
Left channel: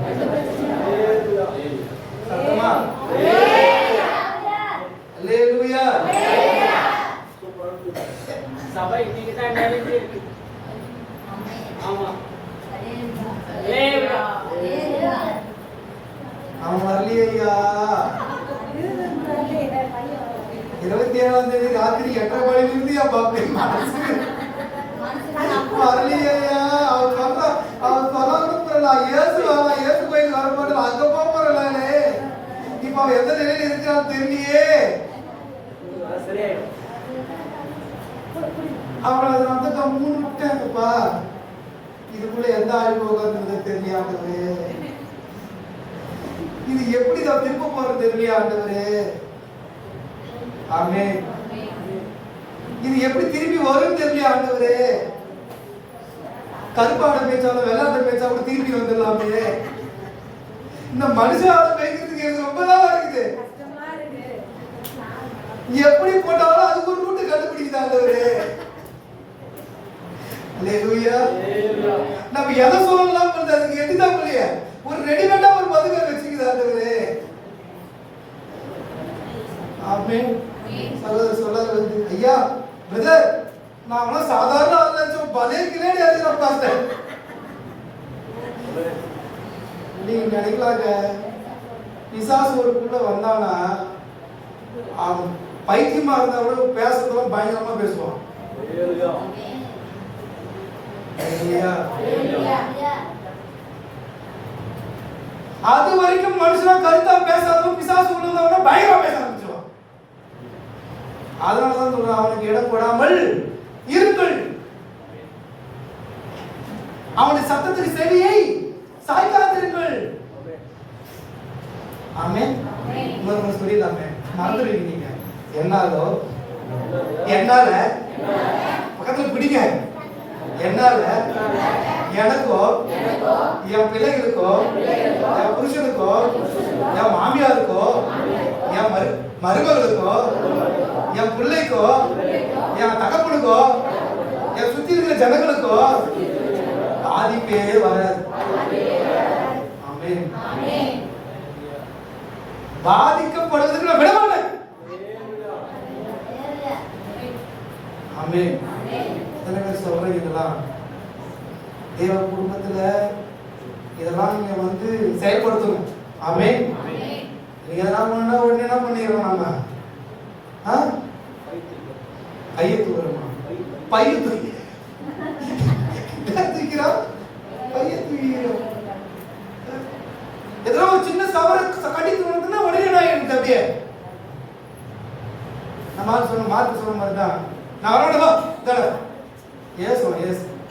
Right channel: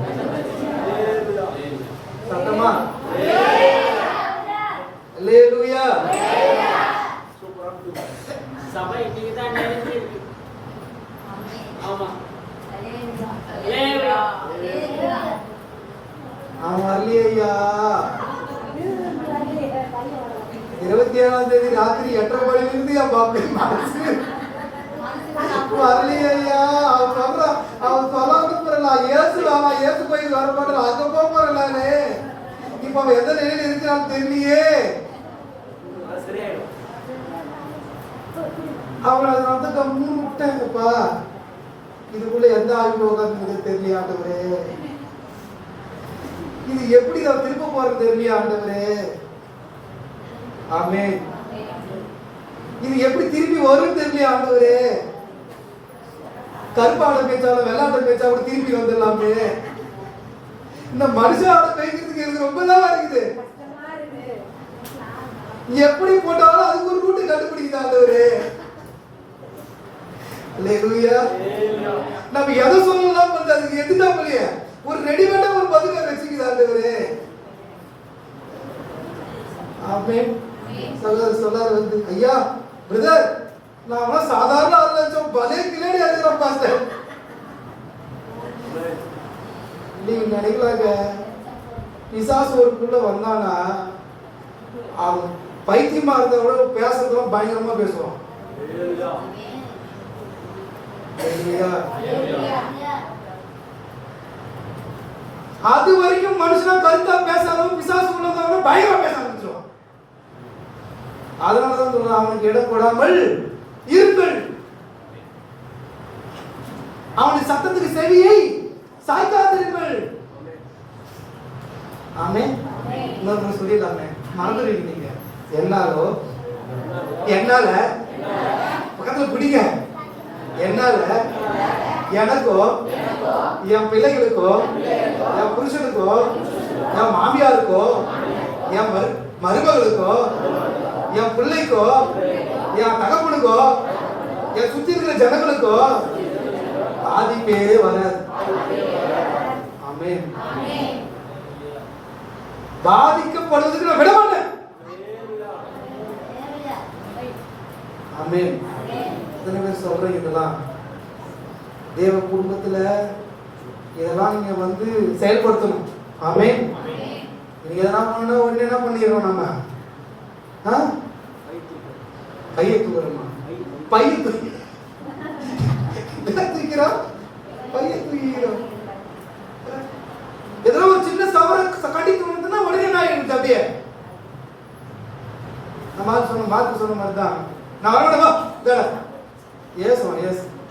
சத்தமா அல்லேலூயா. சபை இன்னைக்கு தான் நிறைய இருக்கு. ஆமா. அவன் வரலையா? 27ஆம் தேதி ராத்திரி 8:30 மணிலிருந்து என் பாப்பா மனசு வரலையா? அவன் சொல்லலாம் ஏசு போய் வர போறல, அங்க போறலானே. இப்ப அவன் எந்த நிலையில இருக்கிறான்னு தெரியலையே. அப்புறம் அதை வந்து கம்முன்னு விட்டேங்கப்பா. இதுக்குள்ள எந்த ஆய்வு உட்கார்ந்து தெரியலையா ஆண்டவரே, இது எப்படி தான் திரும்ப போறது தெரியலையா ஆண்டவரே. ஆமென். இது எப்படி திரும்பி வரும் தெரியலையா ஆண்டவரே. கருப்பாட பேச்சாலும் வெள்ளாட்ட பேச்சாலும் திரும்பி வந்துடலாமே. இந்த மனுஷாவோட பேசுறதுக்கு எனக்கு ரொம்ப தான் இருக்குது. எப்படி போட்டாலும் அதுக்கு ஒரு ரூட்டு கண்டுபிடிக்குது ஆண்டவரே. அல்லேலூயா. நம்ம எதை சொல்லலாம் பண்ண அதுக்கு எடுத்தா போலிய ஒரு ரெடிமேடா ஒரு பதிலை வச்சுக்குது ஆண்டவரே. ஆமென். சொல்லாரு வந்து ஐயா பிரதர் நான் அவன சாதாரண ஆள் நினைச்சோம், பலே கிளேடி ஆச்சுதான் பாஸ்டர். நீங்க நினைக்கலாங்க பிசாசு ஒருக்குள்ள வந்தானா அவன் பைத்தியமா இருந்தவங்க பேசுறதும் பயங்கரமா பேசுவான். அது வரைக்கும் மனுஷனா கருத்தா பேசாதவன் பிசாசு உள்ளவங்க பயங்கரமா பேச ஆரம்பிச்சிருவான். அதனாலதான் சொல்றேன், அவனுக்கு இடம் போடாமல் இருங்கள். அவனுடைய சத்தத்துக்கு செவியை சாய்க்காதிருங்கள். ஆமென். இன்னொரு சொல்லிடலாமே, மறந்துடுவீங்க நீங்க. என்னால பக்கத்துல பிடிங்க. என்னால எனக்கோ என் பிள்ளைகளுக்கோ என் புருஷனுக்கோ என் மாமியாருக்கோ என் மருமகளுக்கோ என் பிள்ளைக்கோ என் தகப்பனுக்கோ என் சுத்தி இருக்கிற ஜனங்களுக்கோ பாதிப்பே வராது. ஆமென். பாதிக்கப்படுவதற்கு நான் விடமாட்டேன். ஆமென். சொல்றீங்க இதெல்லாம் தேவ குடும்பத்துல இதெல்லாம் நீங்க வந்து செயல்படுத்தணும். ஆமென். நீங்க எதனா பண்ணா உடனே என்ன பண்ணிடுறோம் நாம? கையை தூக்குறோம், பைய தூக்கி தூக்கிறோம், பைய தூக்கிறோம். எதனா ஒரு சின்ன சவர கட்டி தூணுதுன்னா உடனே நான் எடுத்து அப்படியே நம்ம சொன்ன மார்க் சொன்ன மாதிரி தான். நான் வரமாட்டேவா எஸ்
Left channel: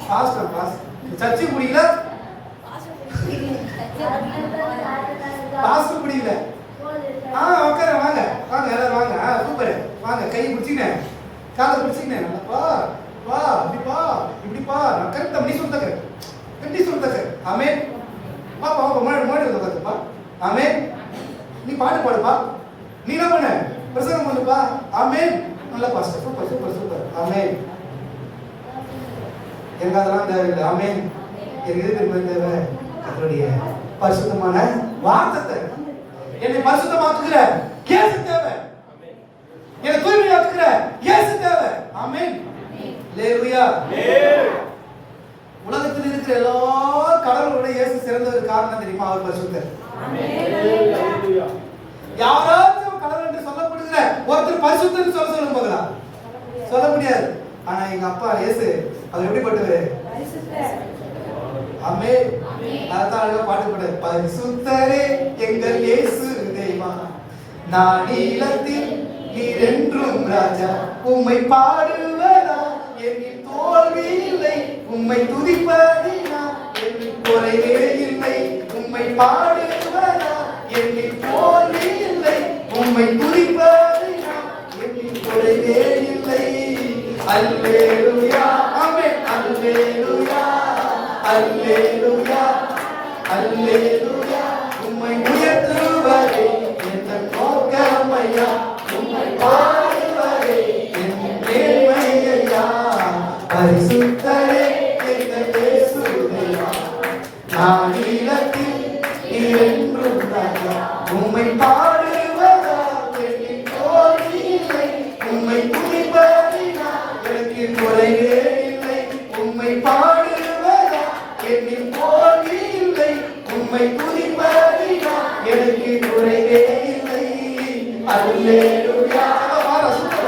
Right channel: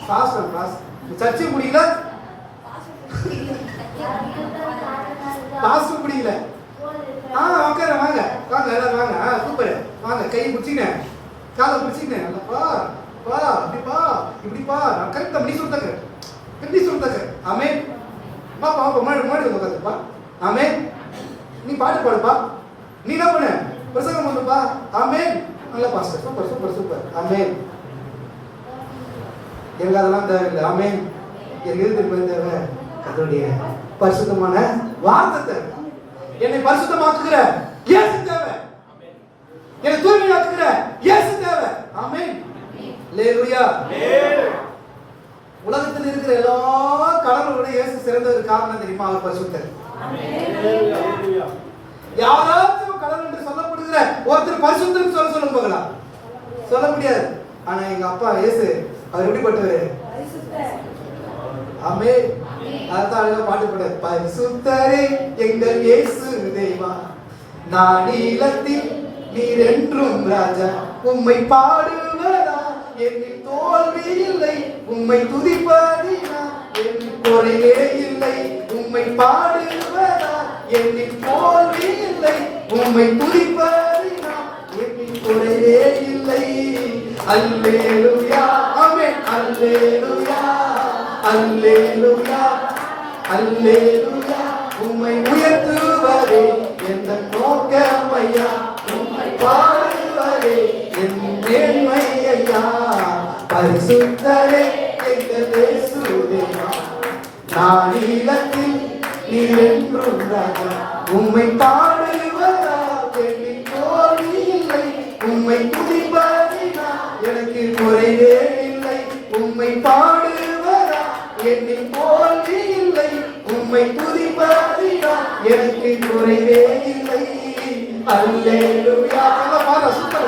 கிளாஸ் சர்ச்சை முடியல, கிளாஸ் முடியல. ஓகே வாங்க வாங்க எல்லாரும் வாங்க. சூப்பர் வாங்க. கையை பிடிச்சிக்கினேன், காலை பிடிச்சிக்கினேன். நல்லப்பா வா, அப்படிப்பா இப்படிப்பா. நான் கரெக்டா பண்ணி சொல்லிட்டேன். ஆமென். பாப்பா மோடி வந்து உட்காந்துப்பா. ஆமென். நீ பாட்டு பாடுப்பா. நீ என்ன பண்ண? பிரசங்கம் பண்ணுப்பா. ஆமென். நல்ல பாஸ்டர். சூப்பர். ஆமென். எனக்கு அதெல்லாம் தேவையில்லை. ஆமென். எனக்கு தேவை அதனுடைய பரிசுத்தமான வார்த்தை. என்னை பரிசுத்தமாக்குகிற இயேசு தேவை. என்னை தூய்மையாக்குகிற இயேசு தேவை. ஆமென். அல்லேலூயா. உலகத்தில் இருக்கிற எல்லா கடவுளோட இயேசு சிறந்தவர். காரணம் தெரியுமா? அவர் பரிசுத்தர். யாராச்சும் கடவுள் என்று சொல்லப்படுகிற ஒருத்தர் பரிசுத்தம் சொல்ல போகலாம், சொல்ல முடியாது. ஆனா எங்க அப்பா இயேசு அவர் எப்படிப்பட்டவர்? ஆமென். அதான் பாட்டு போட, பரிசுத்தரே எங்கள் இயேசு தேவா, நானிலத்தில் நீர் என்றும் ராஜா, உம்மை பாடுவதா என்னில் தோல்வி இல்லை, உம்மை துதிப்பதினா என்னில் குறைவே இல்லை, உம்மை பாடுவதா என்னில் தோல்வி இல்லை, உம்மை துதிப்பதினா என்னில் குறைவே இல்லை. அல்லேலூயா. ஆமென். அல்லேலூயா. அல்லேலூயா. அல்லேலூயா. உம்மை உயர்த்துவதே என்ற நோக்கமையா, உம்மை பாடுவதே என் மேன்மையா. பரிசுத்தரே எங்கள் இயேசு தேவா, நானிலத்தில் நீர் என்றும் ராஜா, உம்மை பாடுவதா என்னில் தோல்வி இல்லை, உம்மை துதிப்பதினா எனக்கு குறைவே இல்லை, உம்மை பாடுவதா என்னில் தோல்வி இல்லை, உம்மை துதிப்பதினா எனக்கு குறைவே இல்லை. அல்லேலூயா.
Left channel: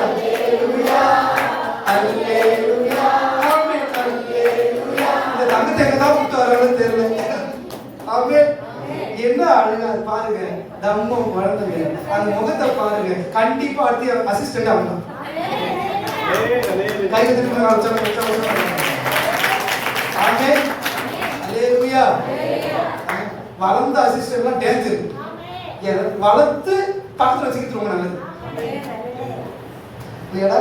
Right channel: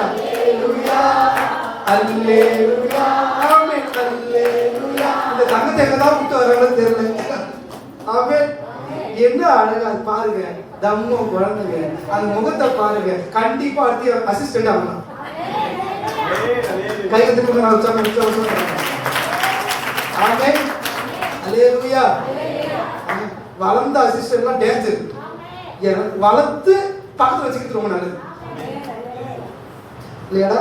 அல்லேலூயா. அல்லேலூயா. ஆமென். அல்லேலூயா. இந்த தங்கத்தை எங்கதான் விட்டு வரணும்னு தெரியல. ஆமென். என்ன அழகா பாருங்க, தம்மம் குழந்தைங்க அந்த முகத்தை பாருங்க. கண்டிப்பா அடுத்த அசிஸ்டன்ட் ஆகலாம். கை திரும்ப ஆமென். அல்லேலூயா. வளர்ந்த அசிஸ்டன்ட்லாம் டேஞ்சர். வளர்த்து பக்கத்துல வச்சுக்கிட்டு ரொம்ப நல்லது இல்லையாடா?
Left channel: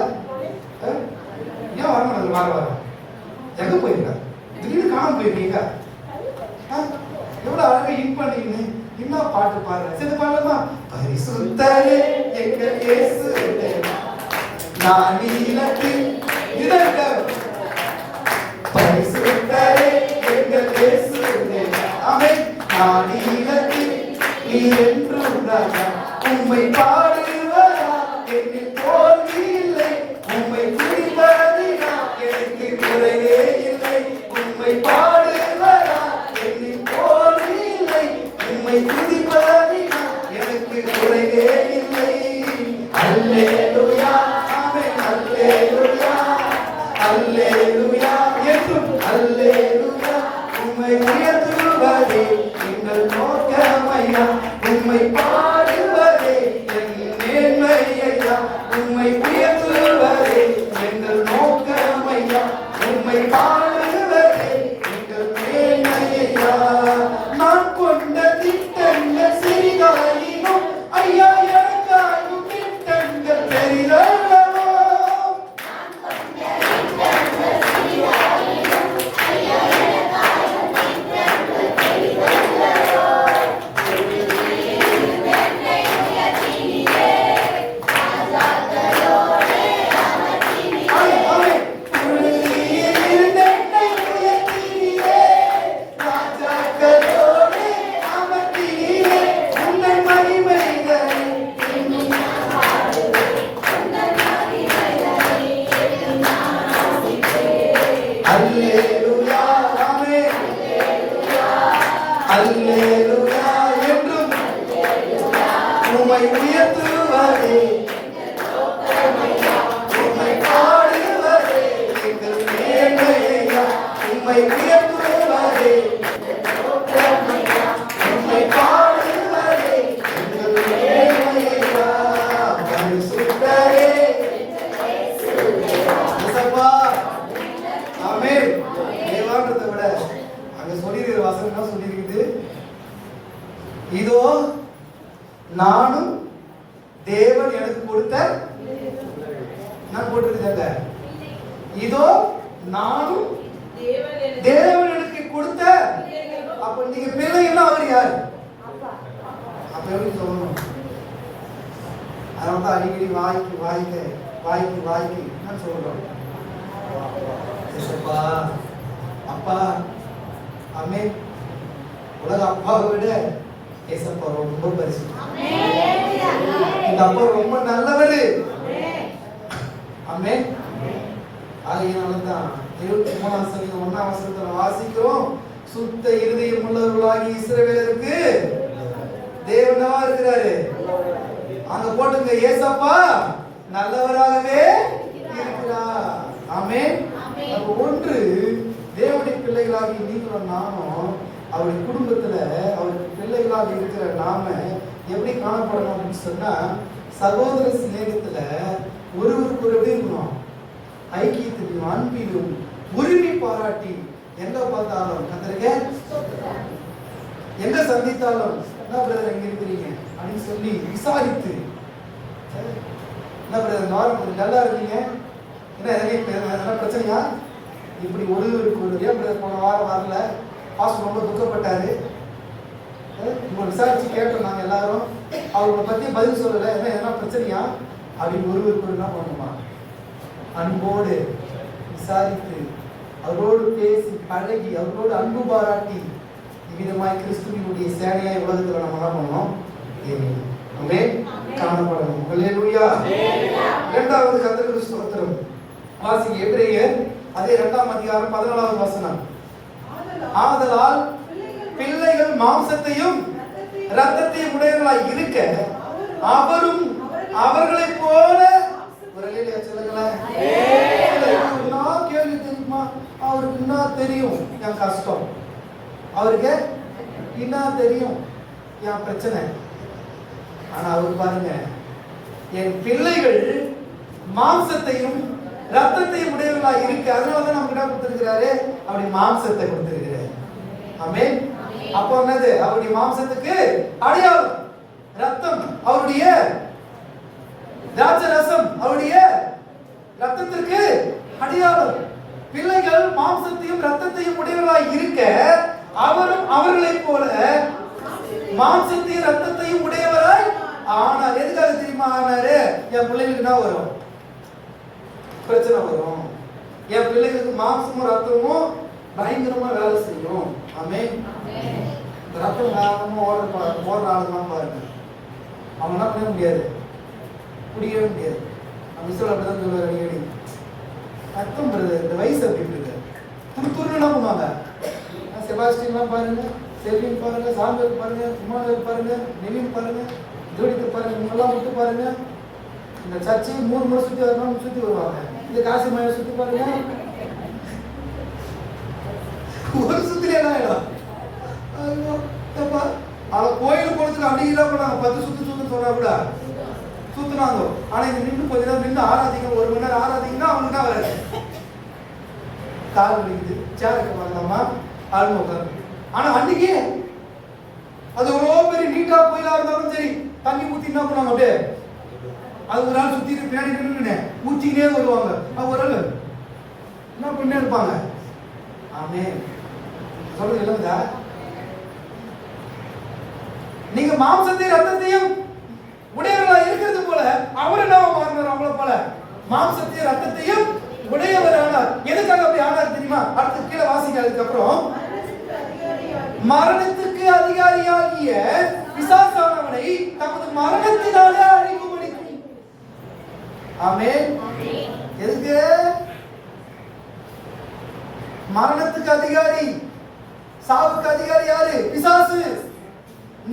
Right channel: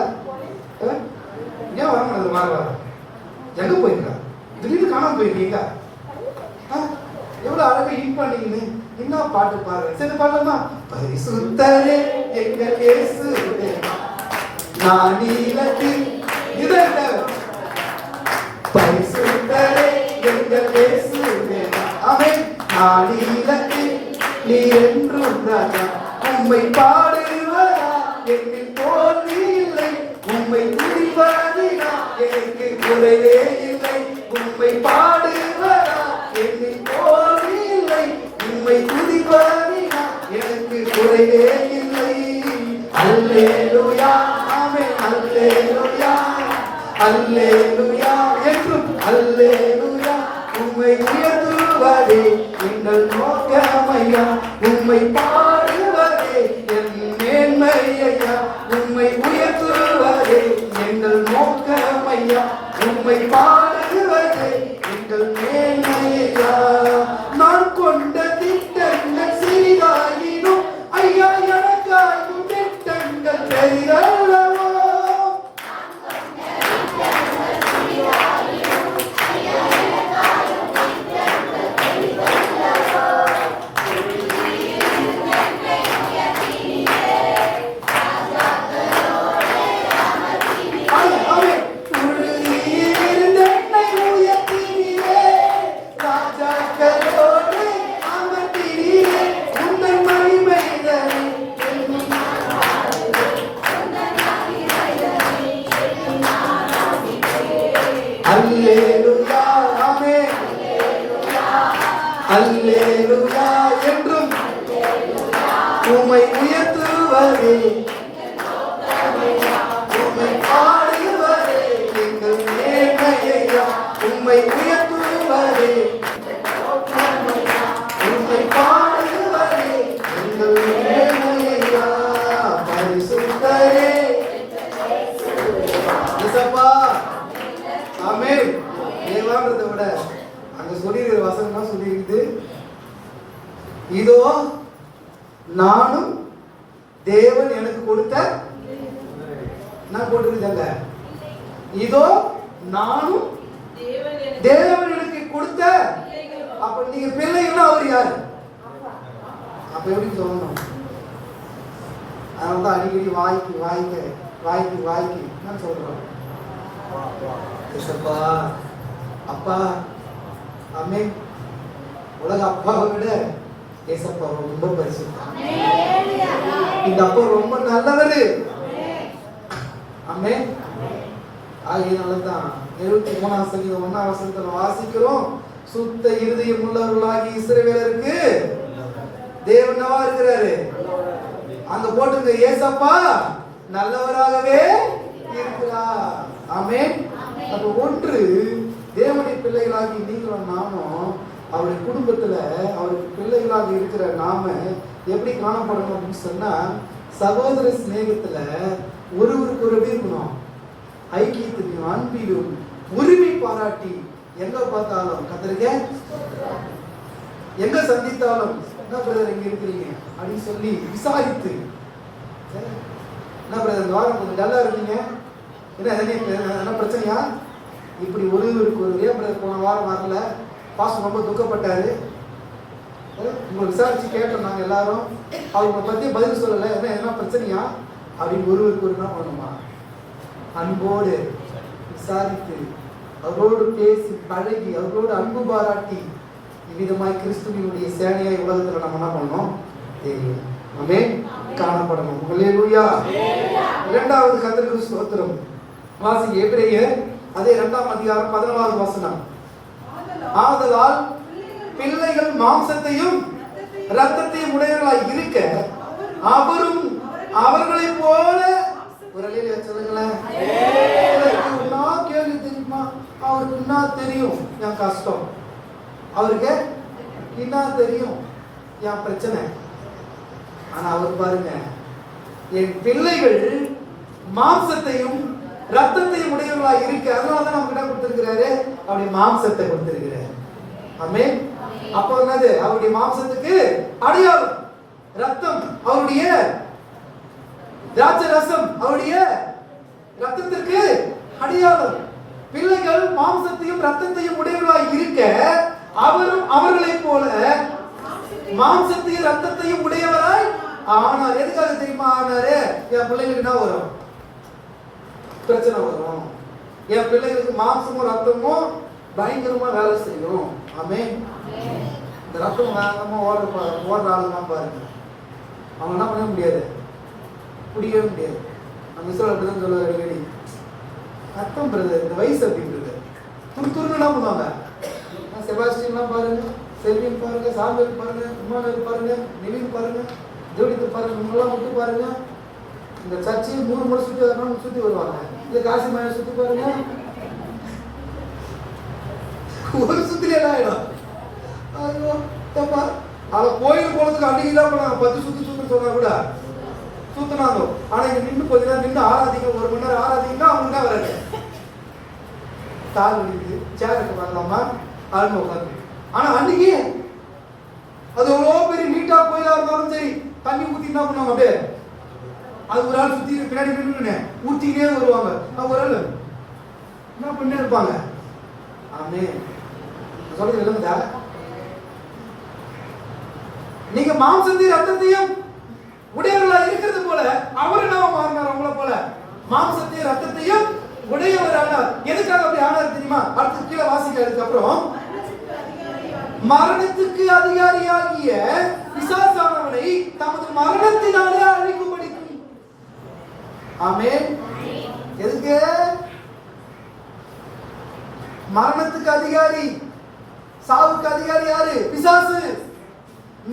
ஏன் வர மாட்டேங்குது? வர எங்க போயிருக்கா? திடீர்னு காணாம போயிருக்கீங்க. எவ்வளவு அழகா இன் பண்ணீங்கன்னு என்ன பாட்டு பாரு. சரி பாடலாமா? பரிசுத்தரே எங்கள் இயேசு தேவா, நானிலத்தில் இதற்கு பரிசுத்தரே எங்கள் இயேசு தேவா, ஆமென். நானிலத்தில் நீ என்றும் ராஜா, உம்மை பாடுவதா என்னில் தோல்வி இல்லை, உம்மை துதிப்பதினா எனக்கு குறைவே இல்லை, உம்மை பாடுவதா என்னில் தோல்வி இல்லை, உம்மை துதிப்பதினா எனக்கு குறைவே இல்லை. அல்லேலூயா. ஆமென். அல்லேலூயா. அல்லேலூயா. என்றும் அல்லேலூயா. உம்மை உயர்த்துவதே எங்கள் நோக்கமையா, உம்மை பாடுவதே என் மேன்மையா, உம்மை உயர்த்து என்ன போட்டிருக்காங்க? இதோ நானும் தேவன் எனக்கு கொடுத்த. அப்ப நீங்க பிள்ளைகளா அவர் யாரு? அப்ப எப்படி சொல்லணும்? அதனால அடிக்கடி வாய்க்கு நான் சொல்றேன், ஏசப்பா அப்பா. அம்மே, உலக அப்பாவை விட ஏசப்பா ரொம்ப பரிசு. இந்த அப்பா ரொம்ப நல்லவரு. அம்மே. ஆகையினால்தான் 73ஆம் சங்கீதம் 1ஆம் வசனத்துல வாசிக்கிறோம், சுத்த இருதயம் உள்ளவர்களாகி இஸ்ரவேலருக்கு தேவனவா இருக்கிறாரு. அங்க போட்டுங்க, ஏசப்பா நல்லவராகவே இருக்கிறார். ஆமென். அப்ப ஒன்று, தேவனுடைய பிள்ளைகளாகி நீங்களும் நானும் அவருடைய குடும்பத்துல அவருடைய பிள்ளைகளாக இருக்கிற நாம எப்படி காணப்படணும் அப்படின்னு சொன்னா, சகோதர சிநேகத்துல ஒருவருக்கு ஒரு இருக்கணும், ஐக்கியத்திலும் அன்பிலும் உரிமை பாராட்டி எங்க பார்த்தாலும் கத்தருங்க, எங்க சந்தித்தாலும் என்ன பிரதர் எங்க இருக்கிறீங்க அப்படின்னு சொல்லி விசாரித்து, என்ன பிரதர் நல்லா இருக்கீங்க, என்ன பிரச்சனையா, இப்படி ஒருவருக்கு ஒரு ஏன் பிரதர் போன வாரம் வரல, பாஸ்டர் ரொம்ப துக்கப்பட்டாரு, உங்களை விசாரிச்சு கேட்டோம் நாங்க எல்லாரும், அவங்களை பத்தி பதில் சொல்லல, என்ன பிரச்சனையா அப்படின்னு ஒருவருக்கு ஒரு என்ன பண்ணுமா, அன்போடு விசாரித்து அவரோடு பேசி பழகி அவரோடு அன்பு பாராட்டி இவ்விதமாய் கிறிஸ்துவினுடைய சேனையாய் உலகத்துல நம்ம என்ன பண்ணணும், காணப்படணும். அல்லேலூயா. இரண்டாவது கர்த்தருக்கு ஸ்தோத்திரம். வாசிங்க எபிரேயர் அதே 2ஆம் அதிகாரம் 14வது வசனம். ஆதலால் பிள்ளைகள் மாம்சத்தையும் இரத்தத்தையும் உடையவர்களாய் இருக்க அவரும் அவர்களைப் போல ஒரு அல்லேலூயா சொல்லுங்களேன். கேள்வி தெரியுமா? அவருக்கு என்ன தெரியும் என் கஷ்டம், அவருக்கு என்ன தெரியும் என் பிரச்சனை. ஆனா அவருக்கு பாருங்க, என் பிள்ளைகள் மாம்சத்தையும் ரத்தத்தையும் உடையவர்களாக இருக்கு, அதனாலதான் நம்ம கிட்ட கொடுத்திருக்கிறாரு, அப்படி மாம்சத்தை கொடுத்திருக்கிறாரு. ஆமென். அப்ப என்னது? அவருடைய மாம்சத்துக்கு அடையாளம் ரத்தம், அவருடைய திராட்சை ரசம் அவருடைய ரத்தத்திற்கு அடையாளம். பிள்ளைகள் மாம்சத்தையும் ரத்தத்தையும் உடையவர்களாக இருக்க அவரும் அவர்களைப் போல மாம்சத்தையும் ரத்தத்தையும் உடையவராய் ஆனார். எதுக்காக தெரியுமா ஆனாரு? என் பிள்ளைகளுக்கு என்ன வரும்? பிரச்சனை வரும். என் பிள்ளைகளுக்கு மாம்சமும் ரத்தமும் பயங்கரமா வேலை செய்யும். ஆமென். ரத்தம் வேகமா ஓடுற ஆளுதான் பாருங்க, அவங்க என்ன பண்ண முடியாது, குடிக்கவே முடியாது. நம்ம இஸ்ரேல் அப்படிதான் சொல்லுவார் அடிக்கடி, ரத்தம் பிரதர் இந்த வயசு அப்படின்னு துருத்துருன்னு என்ன பண்ணுவாங்க. செபாஸ்டியன்லாம் பாருங்க, செல்வின் பாருங்க, சாந்தர் பாருங்க, குமாரர் பாருங்க, நிவின் பாருங்க, ஜோடித்து பாருங்க, உங்களெல்லாம் விட்டு பாருங்க. இந்த சர்ச்சையும் 3 முறை சுற்றி வரணும், சுற்றி வருவாங்க. இந்த காசி மழை சுற்றி பாருங்க, ஒரு சுத்திலே எல்லாம் ஆயிடும். ஐயோ தப்பா, அவன் கோயில் போனதுக்கு அன்னைக்கு பண்ணாங்க, 10 சுத்து சொன்னா கூட சுத்தினாங்க. ஆனா இங்க நின்று கொஞ்ச நேரம் நின்று ஆராதிக்க, 1 மணி நேரம் ஆராதிங்கன்னா அவங்களுக்கு தான் வராது. கால் வலிக்குது, சேருக்கு பண்ணலாமா, ஆளுங்க உட்காந்து. ஆனா அன்னைக்கு அது எவ்வளவு பெரிய நீட்டா கோயிலா இருந்தாலும் சரி, தண்ணி ஊத்தி என்ன பண்ணுவாங்க, அப்படியே அது ஒரு ஆள் சுத்தி பின்னாடி நின்று ஊத்திக்கிட்டே வருவாங்க. ஒரு ஆள் என்ன பண்ணே இருப்பாங்க. ஆமே சொல்றது இல்லைங்களா? நீங்க மாம்சத்தையும் ரத்தத்தையும் உடையவர்களா இருக்கிறது போல அவர் என்ன மாறினார்? அவங்கள போல மாம்சத்தையும் ரத்தத்தையும் உடையவர் ஆனார். எதுக்காக அப்படி ஆனார் தெரியுமா? அடுத்து கீழே வாசிக்கிறதுக்கு அப்புறம், மரணத்துக்கு அதிகாரியாகிய பிசாசானவனை தமது மரணத்தினாலே அழிக்கும்படி. ஆமென். எதுக்கு? மரணத்துக்கு அதிகாரி, சாவுக்கு அதிகாரி யாரு? பிசாசு.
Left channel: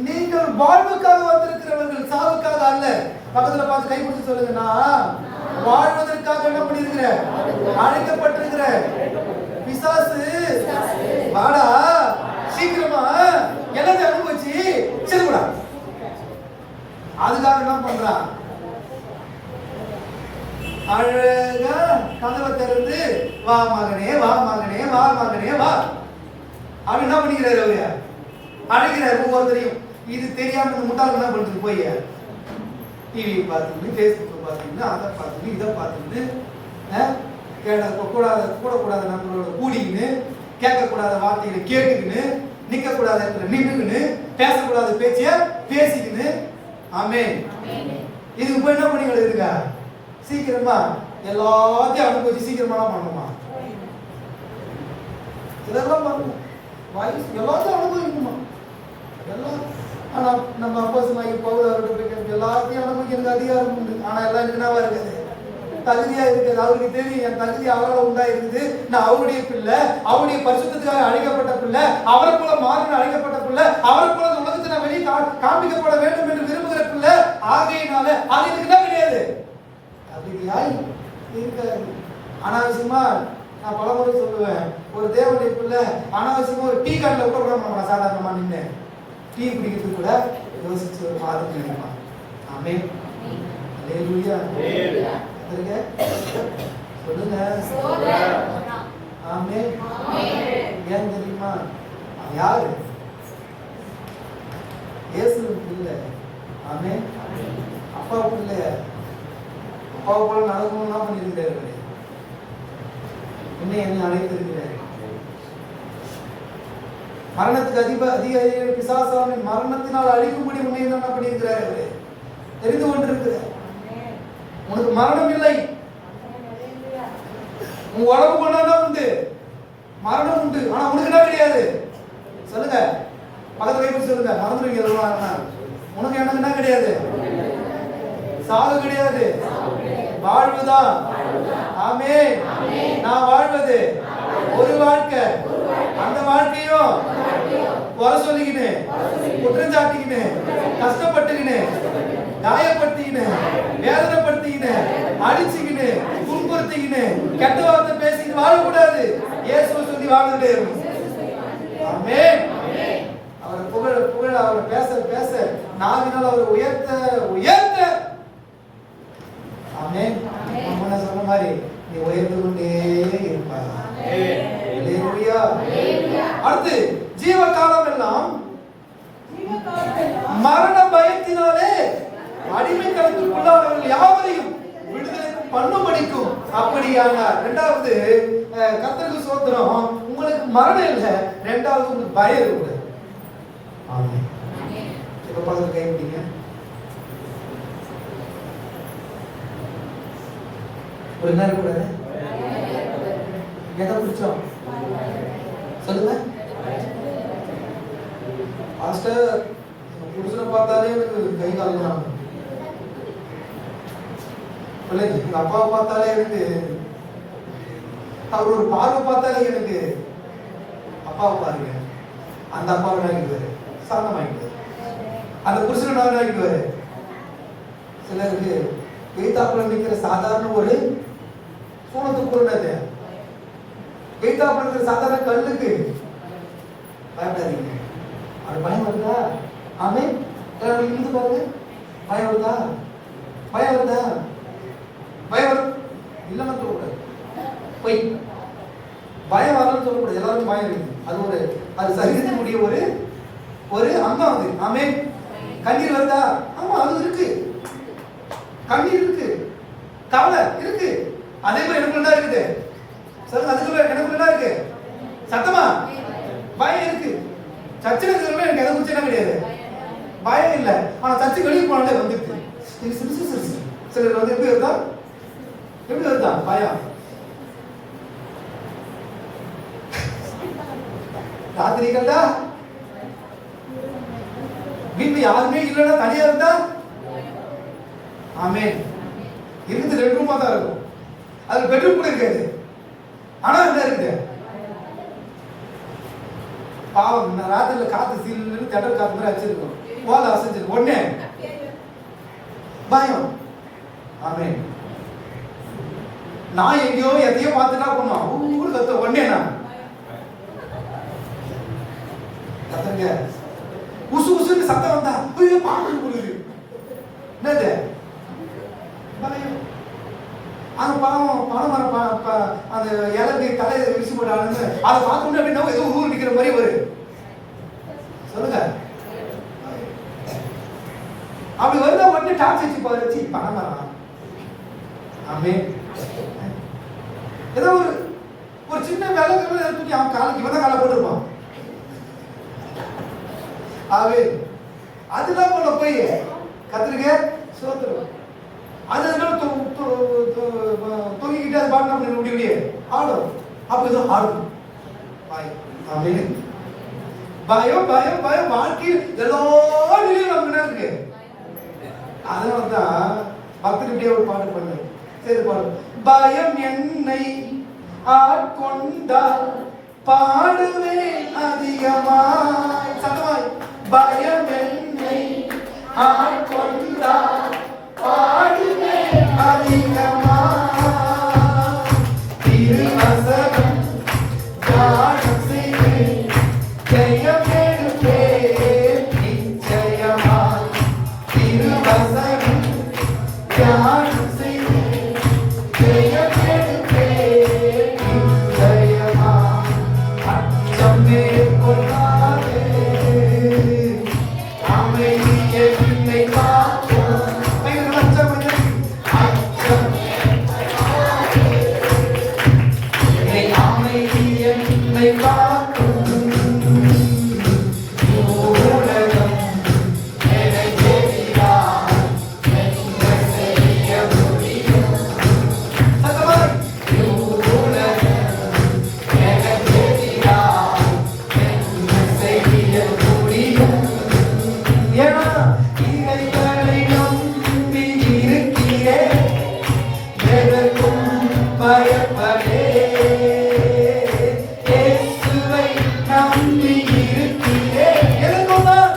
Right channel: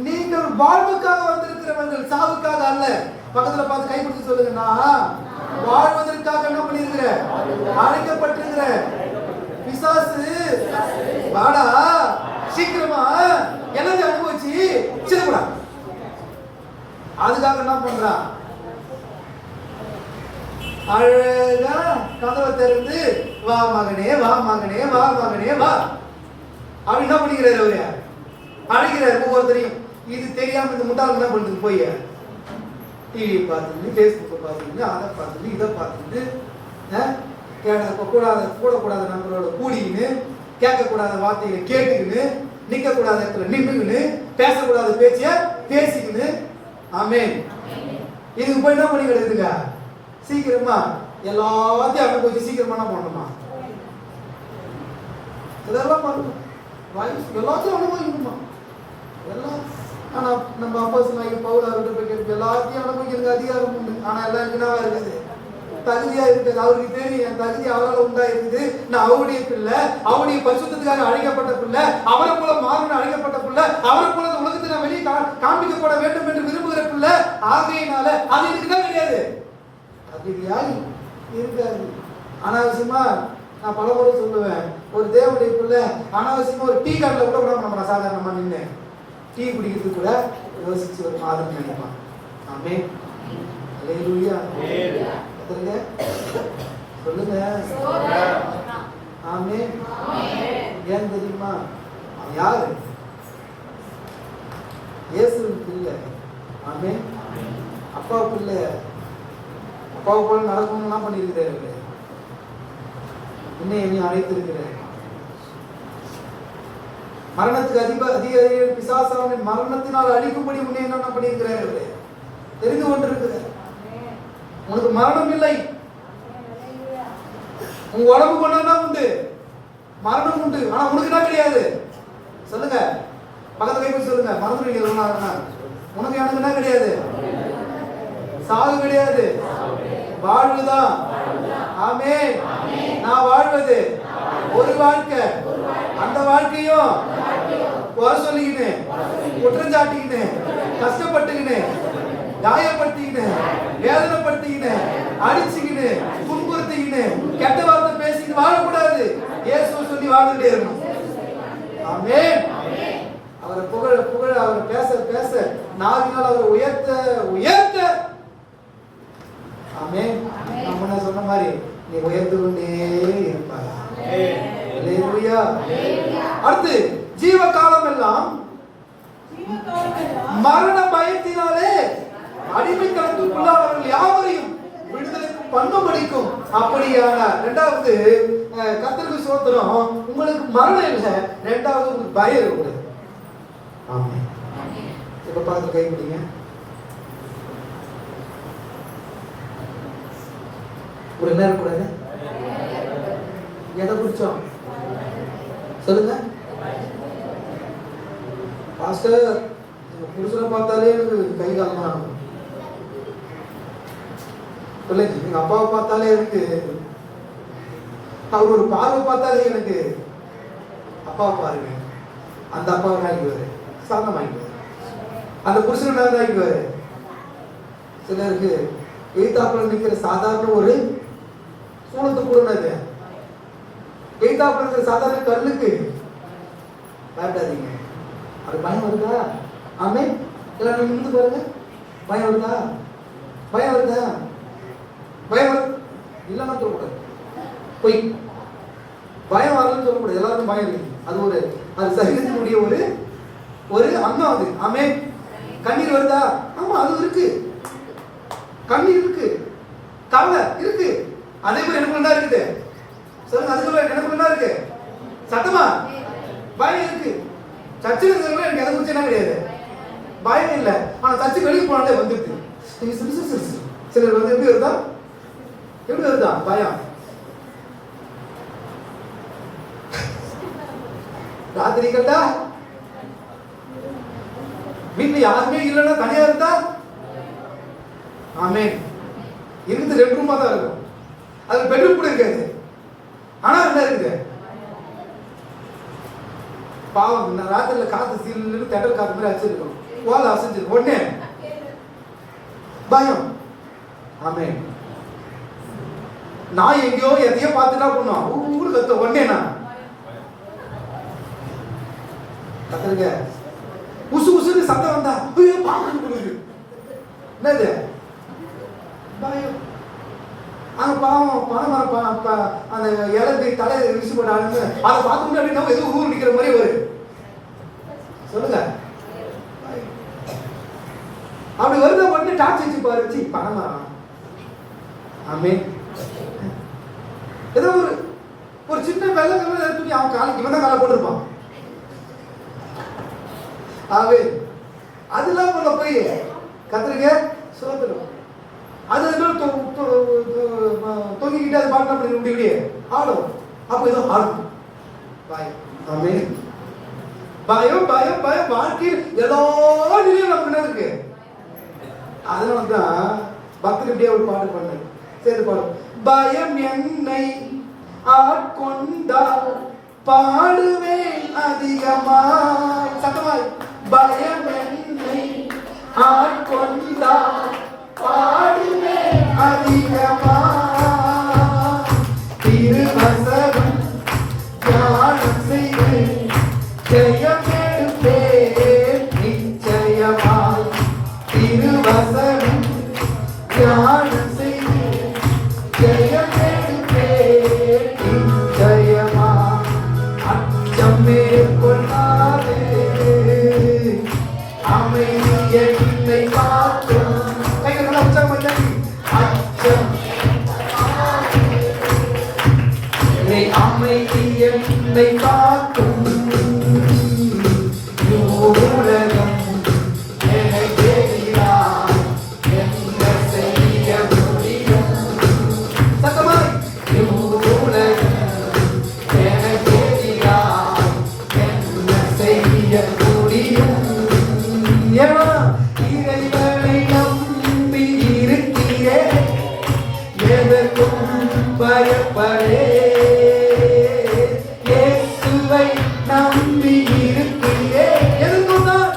நீங்கள் வாழ்வுக்காக வந்திருக்கிறவர்கள், சாவுக்காக அல்ல. பக்கத்துல பார்த்து கைப்பிடிச்சு சொல்லுங்க, நான் வாழ்வதற்காக என்ன பண்ணிருக்கிற, அழைக்கப்பட்டிருக்கிற. பிசாசு வாடா சீக்கிரமா எல்லாத்தையும் அனுபவிச்சு செல்லுடா, அதுக்காக என்ன பண்றான்? அழகா கதவை திறந்து வா மகனே, வா மகனே, வா மகனே, வா அப்படி என்ன பண்ணிக்கிறாரு? அவரு அழைக்கிறார் ஒவ்வொருத்தரையும். இது தெரியாம இந்த முட்டாள் என்ன பண்ணுறது, போய் டிவி பார்த்துட்டு பேஸ்புக் பார்த்துக்கிட்டு அதை பார்த்துக்கிட்டு இதை பார்த்துக்கிட்டு கூடக்கூடாத நம்பரோட கூடிக்கின்னு கேட்கக்கூடாத வார்த்தைகளை கேட்டுக்கின்னு நிற்கக்கூடாத இடத்துல நின்றுக்கின்னு பேசக்கூடாத பேச்சிய பேசிக்கின்னு ஆமென். இதுக்கு போய் என்ன பண்ணி கிடக்குதுங்க? சீக்கிரமா எல்லாத்தையும் அனுபவிச்சு சீக்கிரமா பண்ணணுமா? இதெல்லாம் பண்ணணும். எல்லாத்தையும் அனுபவிக்கணுமா? எல்லாம். ஆனா நம்ம அப்போஸ்தலனாகிய பவுல் அவர்கிட்ட எல்லாத்தையும் அனுபவிக்கிறதுக்கு அதிகாரம் உண்டு. ஆனா எல்லாம் இருக்குனாவா இருக்குது, தகுதியா இருக்குது. அவருக்கு தெரியும் என் தகுதி அவரால் உண்டா இருக்குது. நான் அவருடைய பிள்ளை, அவருடைய பரிசுத்தத்துக்காக அழைக்கப்பட்ட பிள்ளை, அவரை போல மாறணும் அழைக்கப்பட்ட பிள்ளை, அவரை போல இந்த உலகத்தை நான் வெளியே காண்பிக்கப்பட வேண்டும் என்று விரும்புகிற பிள்ளை. ஆகையினால அது எனக்கு தான் கிடையாது. தகுதியாய் இருக்காது. அனாவசியமா நான் பல முறை சொல்லுவேன், ஒரு தேவனுடைய பிள்ளை அனாவசியமா ஒரு டீ கார்டில் கூட விட மாட்டோம். சாதாரணமா நின்று டீ குடிக்கிறதுக்கு கூட யோசிச்சு ஒரு மாதிரி நினைக்கலாம். ஆமென். அல்லேலூயா. சொல்லுங்க. ஆமென். ஏன் தெரியுமா? யாரு? இயேசுவின் பிள்ளை. ஆமென். அப்பா பிள்ளை. அப்பாவை போல நடக்கணும்னா பண்ணியிருக்கிறாரு. என்னை அழைத்திருக்கிறார். மரணத்துக்கு அதிக பிசாசான மரணத்தினால் அழிக்கும்படி உன்னை என்ன பண்ணியிருக்கிறார்கள்? தெரிந்து கொண்டிருக்கிறார். உனக்கு மரணம் இல்லை. உங்க உடம்பு கொண்டாதான் உண்டு, மரணம் உண்டு. ஆனா உனக்கு என்ன கிடையாது? சொல்லுங்க, பக்கத்துல போய் சொல்லுங்க. மறந்துடுவீங்க. உனக்கு எனக்கு என்ன கிடையாது? சாவு கிடையாது, வாழ்வுதான். ஆமென். நான் வாழ்வது ஒரு வாழ்க்கை. அந்த வாழ்க்கையும் குறை சொல்லிக்கின்னு, குற்றம் சாட்டிக்கின்னு, கஷ்டப்பட்டுக்கின்னு, காயப்படுத்திக்கின்னு, வேதனைப்படுத்திக்கின்னு, அடிச்சுக்கின்னு, துன்புறுத்திக்கின்னு, கெட்ட வார்த்தை பேசிக்கிட்டு வாழக்கூடாது. இயேசுவை சொல்லி வாழ்ந்துட்டே இருக்கணும். ஆமென். அவர் புகழ புகழ அவர் பேச பேச நாவினால் அவர் உயர்த்த உயர்த்த. ஆமென். நம்ம சொன்ன மாதிரி நீ உயர்ந்து கொண்டே இருப்பாய். அல்லேலூயா. அடுத்து ஜீவகாலம் எல்லாம் மரண பயத்தினாலே அடிமைத்தனத்துக்குள்ளானவர்கள் யாவரையும் விடுதலை பண்ணும்படிக்கும் அப்படியான. இரண்டாவது, கர்த்தருக்கு ஸ்தோத்திரம், உங்களுக்கு மரணம் இல்லை, இரண்டாவது உங்களுக்கு பயம் இருக்கக்கூடாது. ஆமென். இப்ப பக்கத்துல கை விட்டீங்க. ஒரு என்ன இருக்கக்கூடாது? எதை பிடிச்சோம் சொல்லுங்க. பாஸ்டர், புருஷனை பார்த்தாலே எனக்கு கை காலம். பிள்ளைங்க, எங்க அப்பாவை பார்த்தாலே எனக்கு, அவர் ஒரு பார்வை பார்த்தாலே எனக்கு, அப்பாவை பாருங்க, அந்த அப்பாவை ஆகிடுவாரு, சாந்தம் ஆகிடுவாரு, அந்த புருஷனை ஆகிடுவாரு. சிலருக்கு எய்தாப்புல நிற்கிற சாதாரண ஒரு சூழத்துக்குள்ளது, எய்தாப்புல இருக்கிற சாதாரண கண்ணுக்கு காட்டாதீங்க. அது பயம் வருதா? ஆமென். எல்லாரும் இருந்து பாருங்க. பயம் வருதா? பயம் வருதா? பயம் வரும் இல்லைன்னா சொல்லக்கூடாது. பொய். பயம் வரலன்னு சொல்லக்கூடாது. எல்லாருக்கும் பயம் இருக்கு. அது ஒரு, அது சரீரத்தினுடைய ஒரு ஒரு அங்கம் அது. ஆமென். கண்ணீர் வருதா? ஆமா, அது இருக்கு. கண்ணீர் இருக்கு, கவலை இருக்கு. அதே மாதிரி எனக்குள்ள இருக்குது. சொல்லுங்க, அதுக்கு எனக்குள்ள இருக்கு. சத்தமா பயம் இருக்கு. சர்ச்சில் இருக்கிறவங்க எனக்கு எதை குறிச்சு என்ன கிடையாது, பயம் இல்லை. ஆனா சர்ச்சுக்கு வெளியே போனதே வந்துருக்கு. சிலர் வந்து எப்படி வருதா? எப்படி வருதா பயம்? ராத்திரி கேட்டா, வீட்டுல யாருமே இல்லைன்னா தனியா இருந்தா, ஆமென், இருந்து 2 ரூமா தான் இருக்கும். அது பெட்ரூம் கூட இருக்காது. ஆனா என்ன இருக்குது? பாவம், ராத்திரில காத்து சீல் தடல் காத்து மாதிரி வச்சிருக்கோம். போல அசைஞ்சிருக்கும். ஒண்ணே பயம். ஆமென். நான் எங்கேயோ எதையோ பார்த்துட்டா பண்ணுவோம். ஊருக்கு கத்த ஒண்ணே நான் கத்துருங்க. உசு உசுன்னு சத்தம் வந்தா பாம்பு கொடுக்குது. என்னது? பயம். அங்க பாவம் பணமரம் அந்த இலக்கு தலையை வீசி போட்டாங்க. அதை பார்க்கணும் அப்படின்னா ஏதோ ஊர் நிக்கிற மாதிரி ஒரு சொல்லுங்க. அப்படி வருதா மட்டும் டார்ச் வச்சு பாரு. பணமரம் ஆமென். ஏதோ ஒரு சின்ன வெள்ளை கம்பளை தூக்கி அவன் காலுக்கு இவன் தான் காலை போட்டுருப்பான். ஆமென். அதெல்லாம் போல போய் கத்திரிக்க சோத்துடும். அது தொங்கிக்கிட்டே அது பாட்டு அப்படி முடிக்கிட்டே ஆடும். அப்போ ஏதோ ஆடும். ஆமென். பயம் பயம் பயம் வாழ்க்கையில் ஏதோ நிலையும் நமக்கு இருக்கு. அதனால தான் பக்தர் இப்படியே ஒரு பாட்டு பண்ணேன். சரி பாடு. பயம் என்னை ஆட்கொண்டால் பாடுவேன் அதிகமாய். சத்தமாய். பயம் என்னை ஆட்கொண்டால் பாடுவேன் அதிகமாய். திருவசனம் தியானம் செய்து ஜெயம் எடுப்பேன் நிச்சயமாய். திருவசனம் தியானம் செய்து ஜெயம் எடுப்பேன் நிச்சயமாய். அச்சம் மேற்கொள்ளாதே, அமைதியை என்னை காக்கும். அச்சம் அச்சம் அமைதியை என்னை காக்கும். உலகம் எனக்கு எதிராக என்ன செய்ய முடியும்? சத்தமாய். உலகம் எனக்கு எதிராக என்ன செய்ய முடியும்? ஏன்னா இறைவனை நம்பி இருக்கிறேன், எதற்கும் பயப்படேன். இயேசுவை நம்பி இருக்கிறேன், எதற்கும் நான்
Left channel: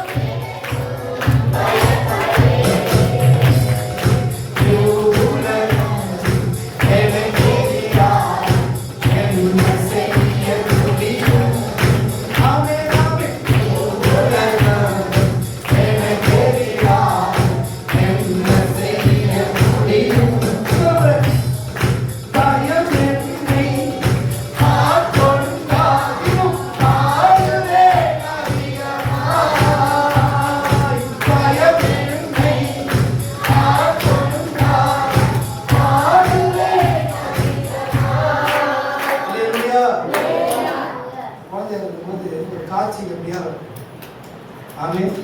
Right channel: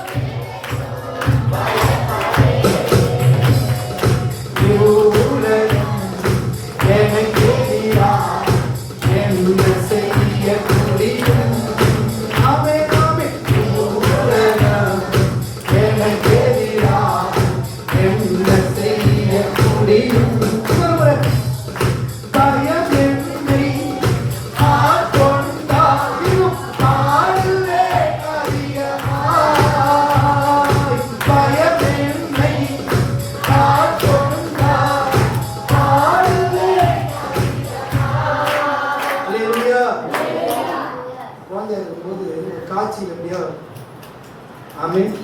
உலகம் எனக்கு எதிராக என்ன செய்ய முடியும்? ஆமென் ஆமென். உலகம் எனக்கு எதிராக என்ன செய்ய முடியும்? பயம் என்னை ஆட்கொண்டாலும் பாடுவேன் அதிகமாய். பயம் என்னை ஆட்கொண்டால் பாடுவேன். அல்லேலூயா. குழந்தையா இருக்கும்போது ஒரு காட்சியில் எப்படியா ஆமென்.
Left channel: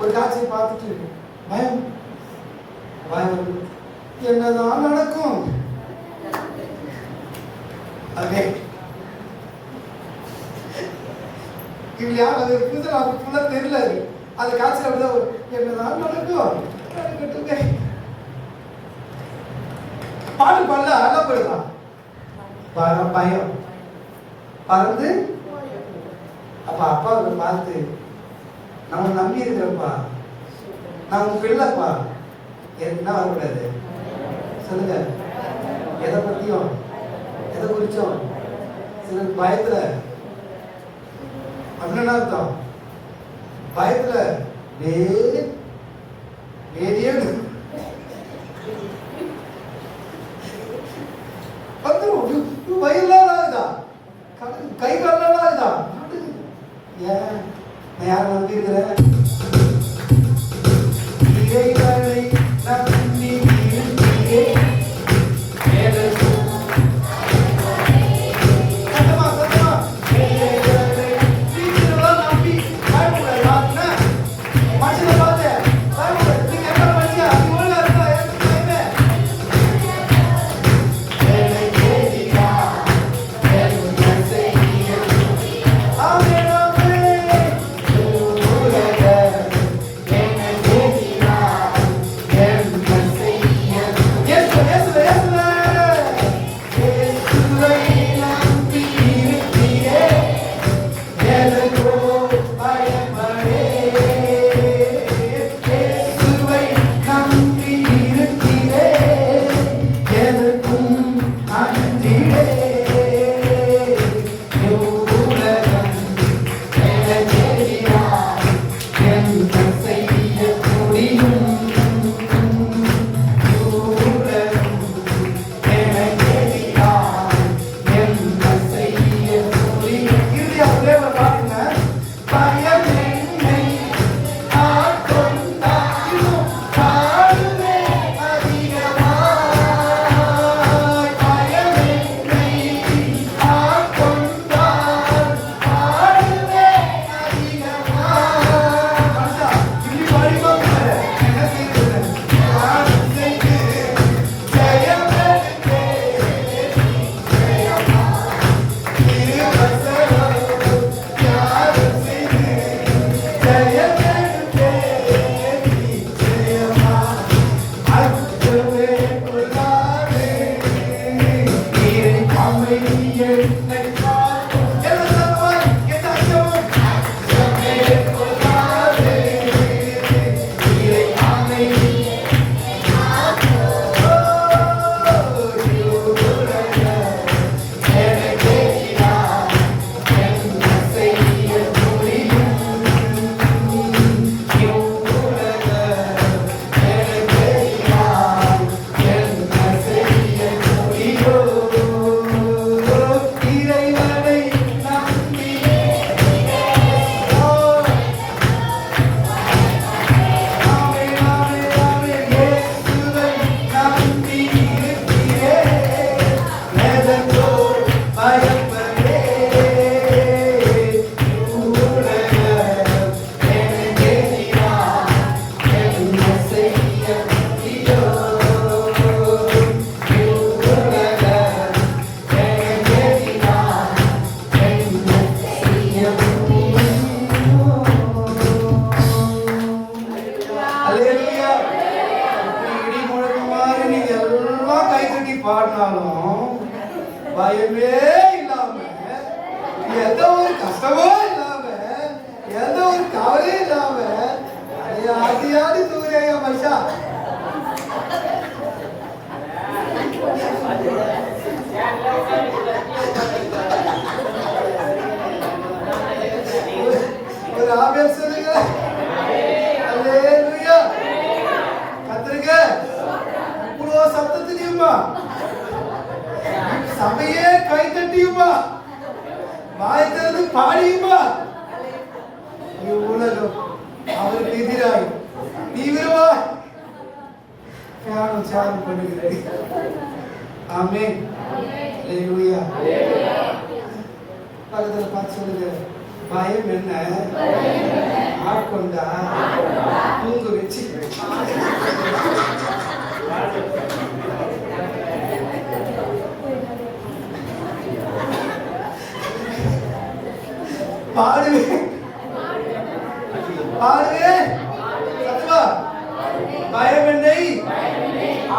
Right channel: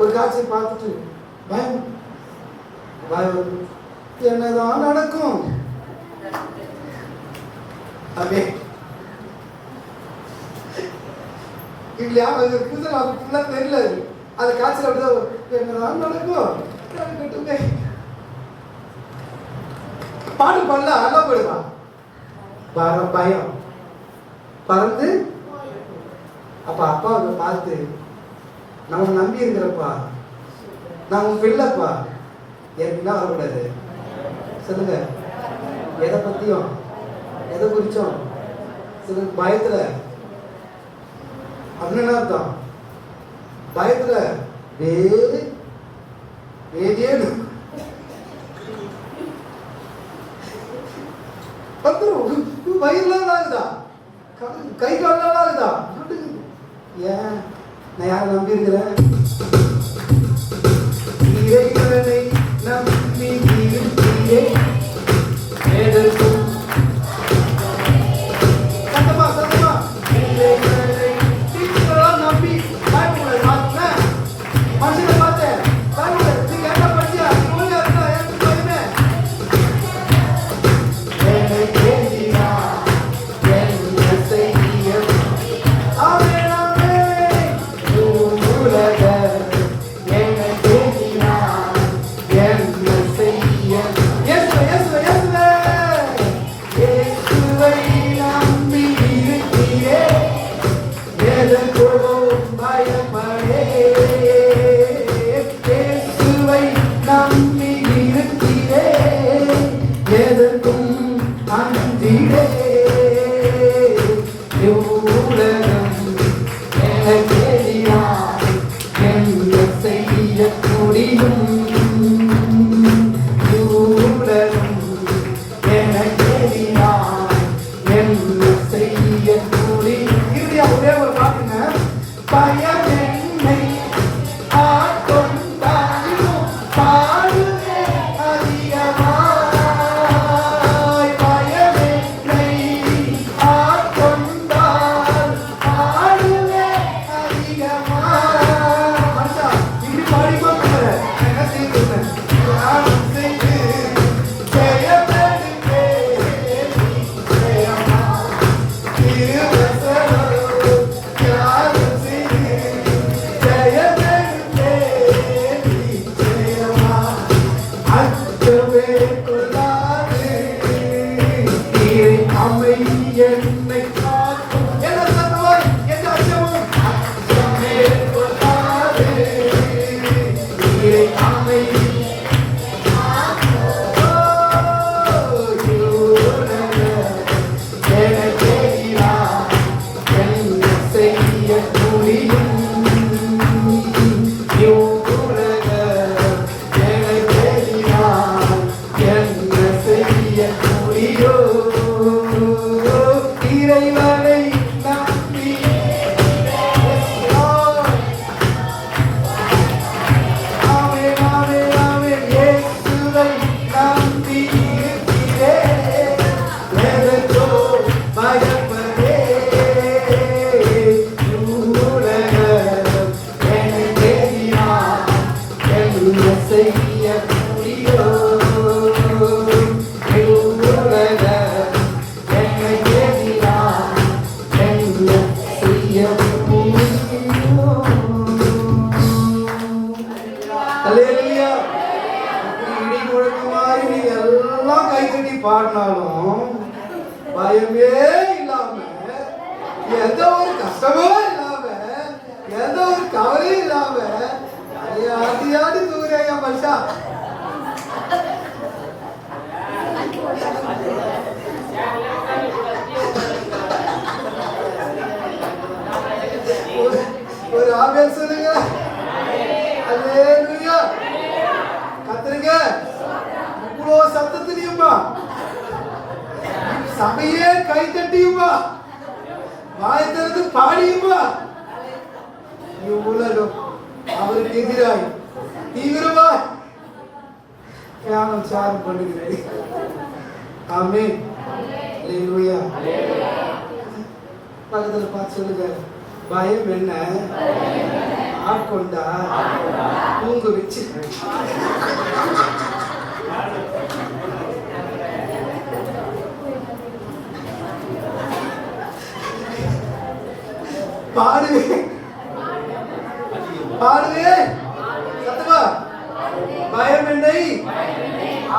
ஒரு காட்சியை பார்த்துட்டு பயம் பயம் என்னதான் நடக்கும்? ஆமென். இல்லையா அது புதுசா அது ஃபுல்லா தெரியல. அது காட்சியில் அப்படிதான் என்னதான் நடக்கும் நடக்கட்டுமே. பாட்டு பண்ணல அல்ல போயிடலாம். பயம் பறந்து அப்ப அப்பா பார்த்து நான் நம்பி இருக்கிறப்பா, நான் உன் பிள்ளைப்பா, என்ன வரக்கூடாது சொல்லுங்க. எதை பத்தியும் எதை குறிச்சோம் சில பயத்துல அப்படின்னு அர்த்தம். பயத்துல வேதியேன்னு வயிறுலாம் ஆகுதா, கை காலெல்லாம் ஆகுதா? ஏன் நான் யாரை நம்பி இருக்கிறேன்? இறைவனை நம்பி இருக்கிறேன். சத்தமா சத்தமா. இறைவனை டீச்சரெல்லாம் நம்பி பயப்படல. பார்த்தேன் மனுஷனை பார்த்தேன் பயப்படல. நீங்க என்ன பண்ணியா? நீ ஒழுங்கா இருக்கா? எனக்கு பயமே. ஆமென் ஆமென். பாடினாலும் பயமே இல்லாம, எந்த ஒரு கஷ்டமும் இல்லாம, எந்த ஒரு கவலையும் இல்லாம ஆதி தூரையா மனுஷா. ஒரு ஆவியா சொல்லுங்க. அல்லேலூயா. கத்துருங்க. இவ்வளோ சத்தத்திலையுமா சபையே கை தட்டியுமா வாயத்திலிருந்து பாடியுமா உலகம் அவருக்கு எதிராய் தீவிரமா தியானம் சாரம் பண்ணுகிறேன். ஆமென். அல்லேலூயா. பக்கத்துல பார்த்து சொல்லுங்க, பயம் என்ன ஆட்கொண்டா தூங்க வச்சு பாடுவேன் பாடுவேன் சத்தமா. பயம் என்னை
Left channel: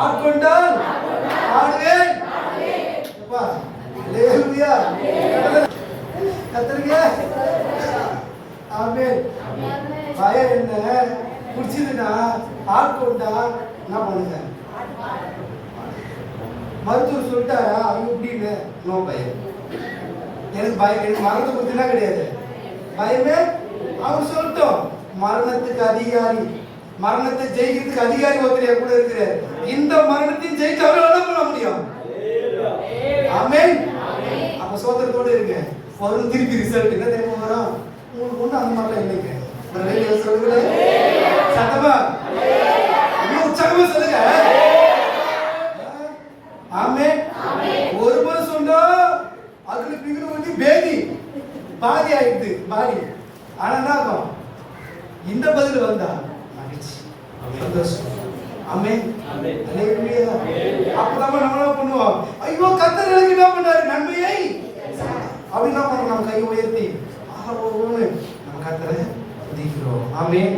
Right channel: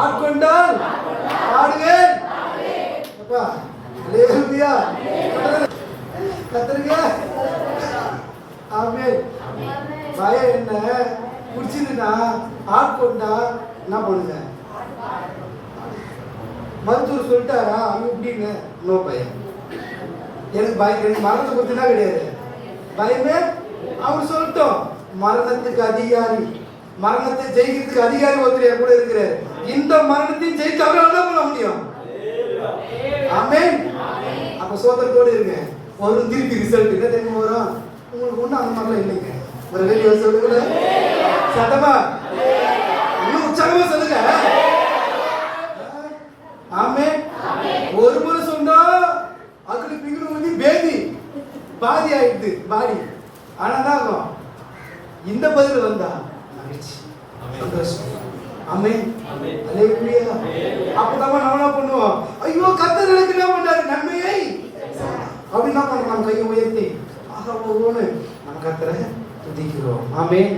ஆட்கொண்டால் பாடுவேன். அல்லேலூயா. கத்துருங்க. ஆமென். பயம் என்ன குடிச்சதுன்னா ஆட்கொண்டா என்ன பண்ணுங்க? மருத்துவர் சொல்லிட்டாரா அவங்க இப்படின்னு நோ பயம். எனக்கு பயம், எனக்கு மரணத்தை பத்தினா கிடையாது பயமே. அவர் சொல்லட்டும், மரணத்துக்கு அதிகாரி, மரணத்தை ஜெயிக்கிறதுக்கு அதிகாரி ஒருத்தர் கூட இருக்கிறார். இந்த மரணத்தை ஜெயிச்சு அவரால் என்ன பண்ண முடியும்? ஆமென். அப்ப சோதரத்தோடு இருங்க. ஒரு திருப்பி ரிசல்ட் என்ன தெரியுமா வரும்? உங்களுக்கு ஒண்ணு அந்த மாதிரிலாம் இல்லைங்க. ஒரு வெளியே சொல்லுங்க சத்தமா, உற்சாகமே சொல்லுங்க. ஆமென். ஒரு முறை சொன்னா அதுல பிகிடு வந்து பேதி பாதி ஆயிடுது பாடி. ஆனா என்ன ஆகும்? இந்த பதில் வந்தா மகிழ்ச்சி, சந்தோஷம். ஆமென். அல்லேலூயா. அப்பதான் நம்ம என்ன பண்ணுவோம்? ஐயோ கர்த்தர் எனக்கு என்ன பண்ணாரு நன்மையை அப்படின்னா நம்ம கையை உயர்த்தி ஆஹோன்னு நம்ம கர்த்தரை துதிக்கிறோம். ஆமென்.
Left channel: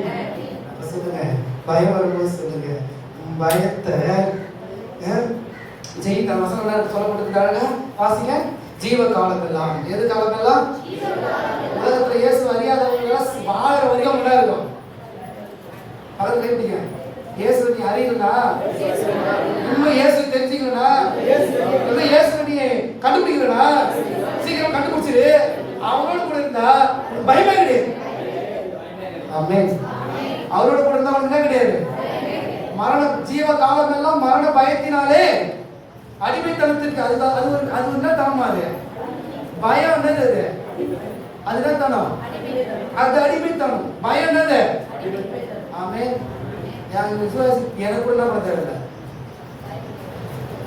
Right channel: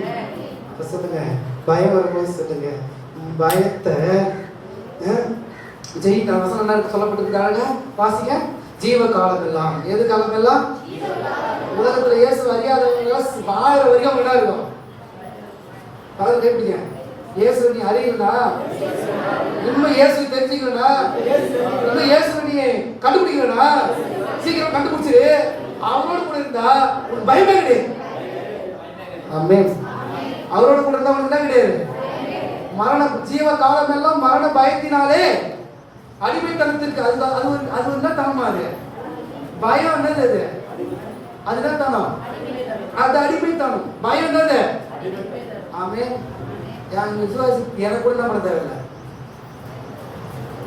அப்ப சொல்லுங்க, பயம் வரும்போது சொல்லுங்க, பயத்தை ஜெயிக்கிற வசனம் சொல்லப்பட்டிருக்கிறாங்க. வாசிங்க. ஜீவ காலமெல்லாம். எது காலமெல்லாம்? உலகத்துல இயேசு அறியாதவங்க வாழற வரைக்கும் என்ன இருக்கும்? பக்கத்துல கேட்டீங்க, இயேசு நீ அறியலா, இன்னும் இயேசு தெரிஞ்சுக்கலா, இன்னும் இயேசு நீ கண்டுபிடிக்கலா, சீக்கிரம் கண்டுபிடிச்சிரு. அவரோட கூட இருந்தா பயமே கிடையாது. ஆமென். அவரோட கூட இருந்தா ஒண்ணு கிடையாது. மரண ஜீவ காலம் எல்லாம் மரண பயத்தினாலே அடிமைத்தனத்திற்கு. அது என்ன தனமா? அது பயம் என்னது? அதுதான் தனம். அது அடிமைத்தனம். பயம் என்னது? ஆமென். என் விசுவாசி எனக்கு கூட என்ன தேவையில்லை.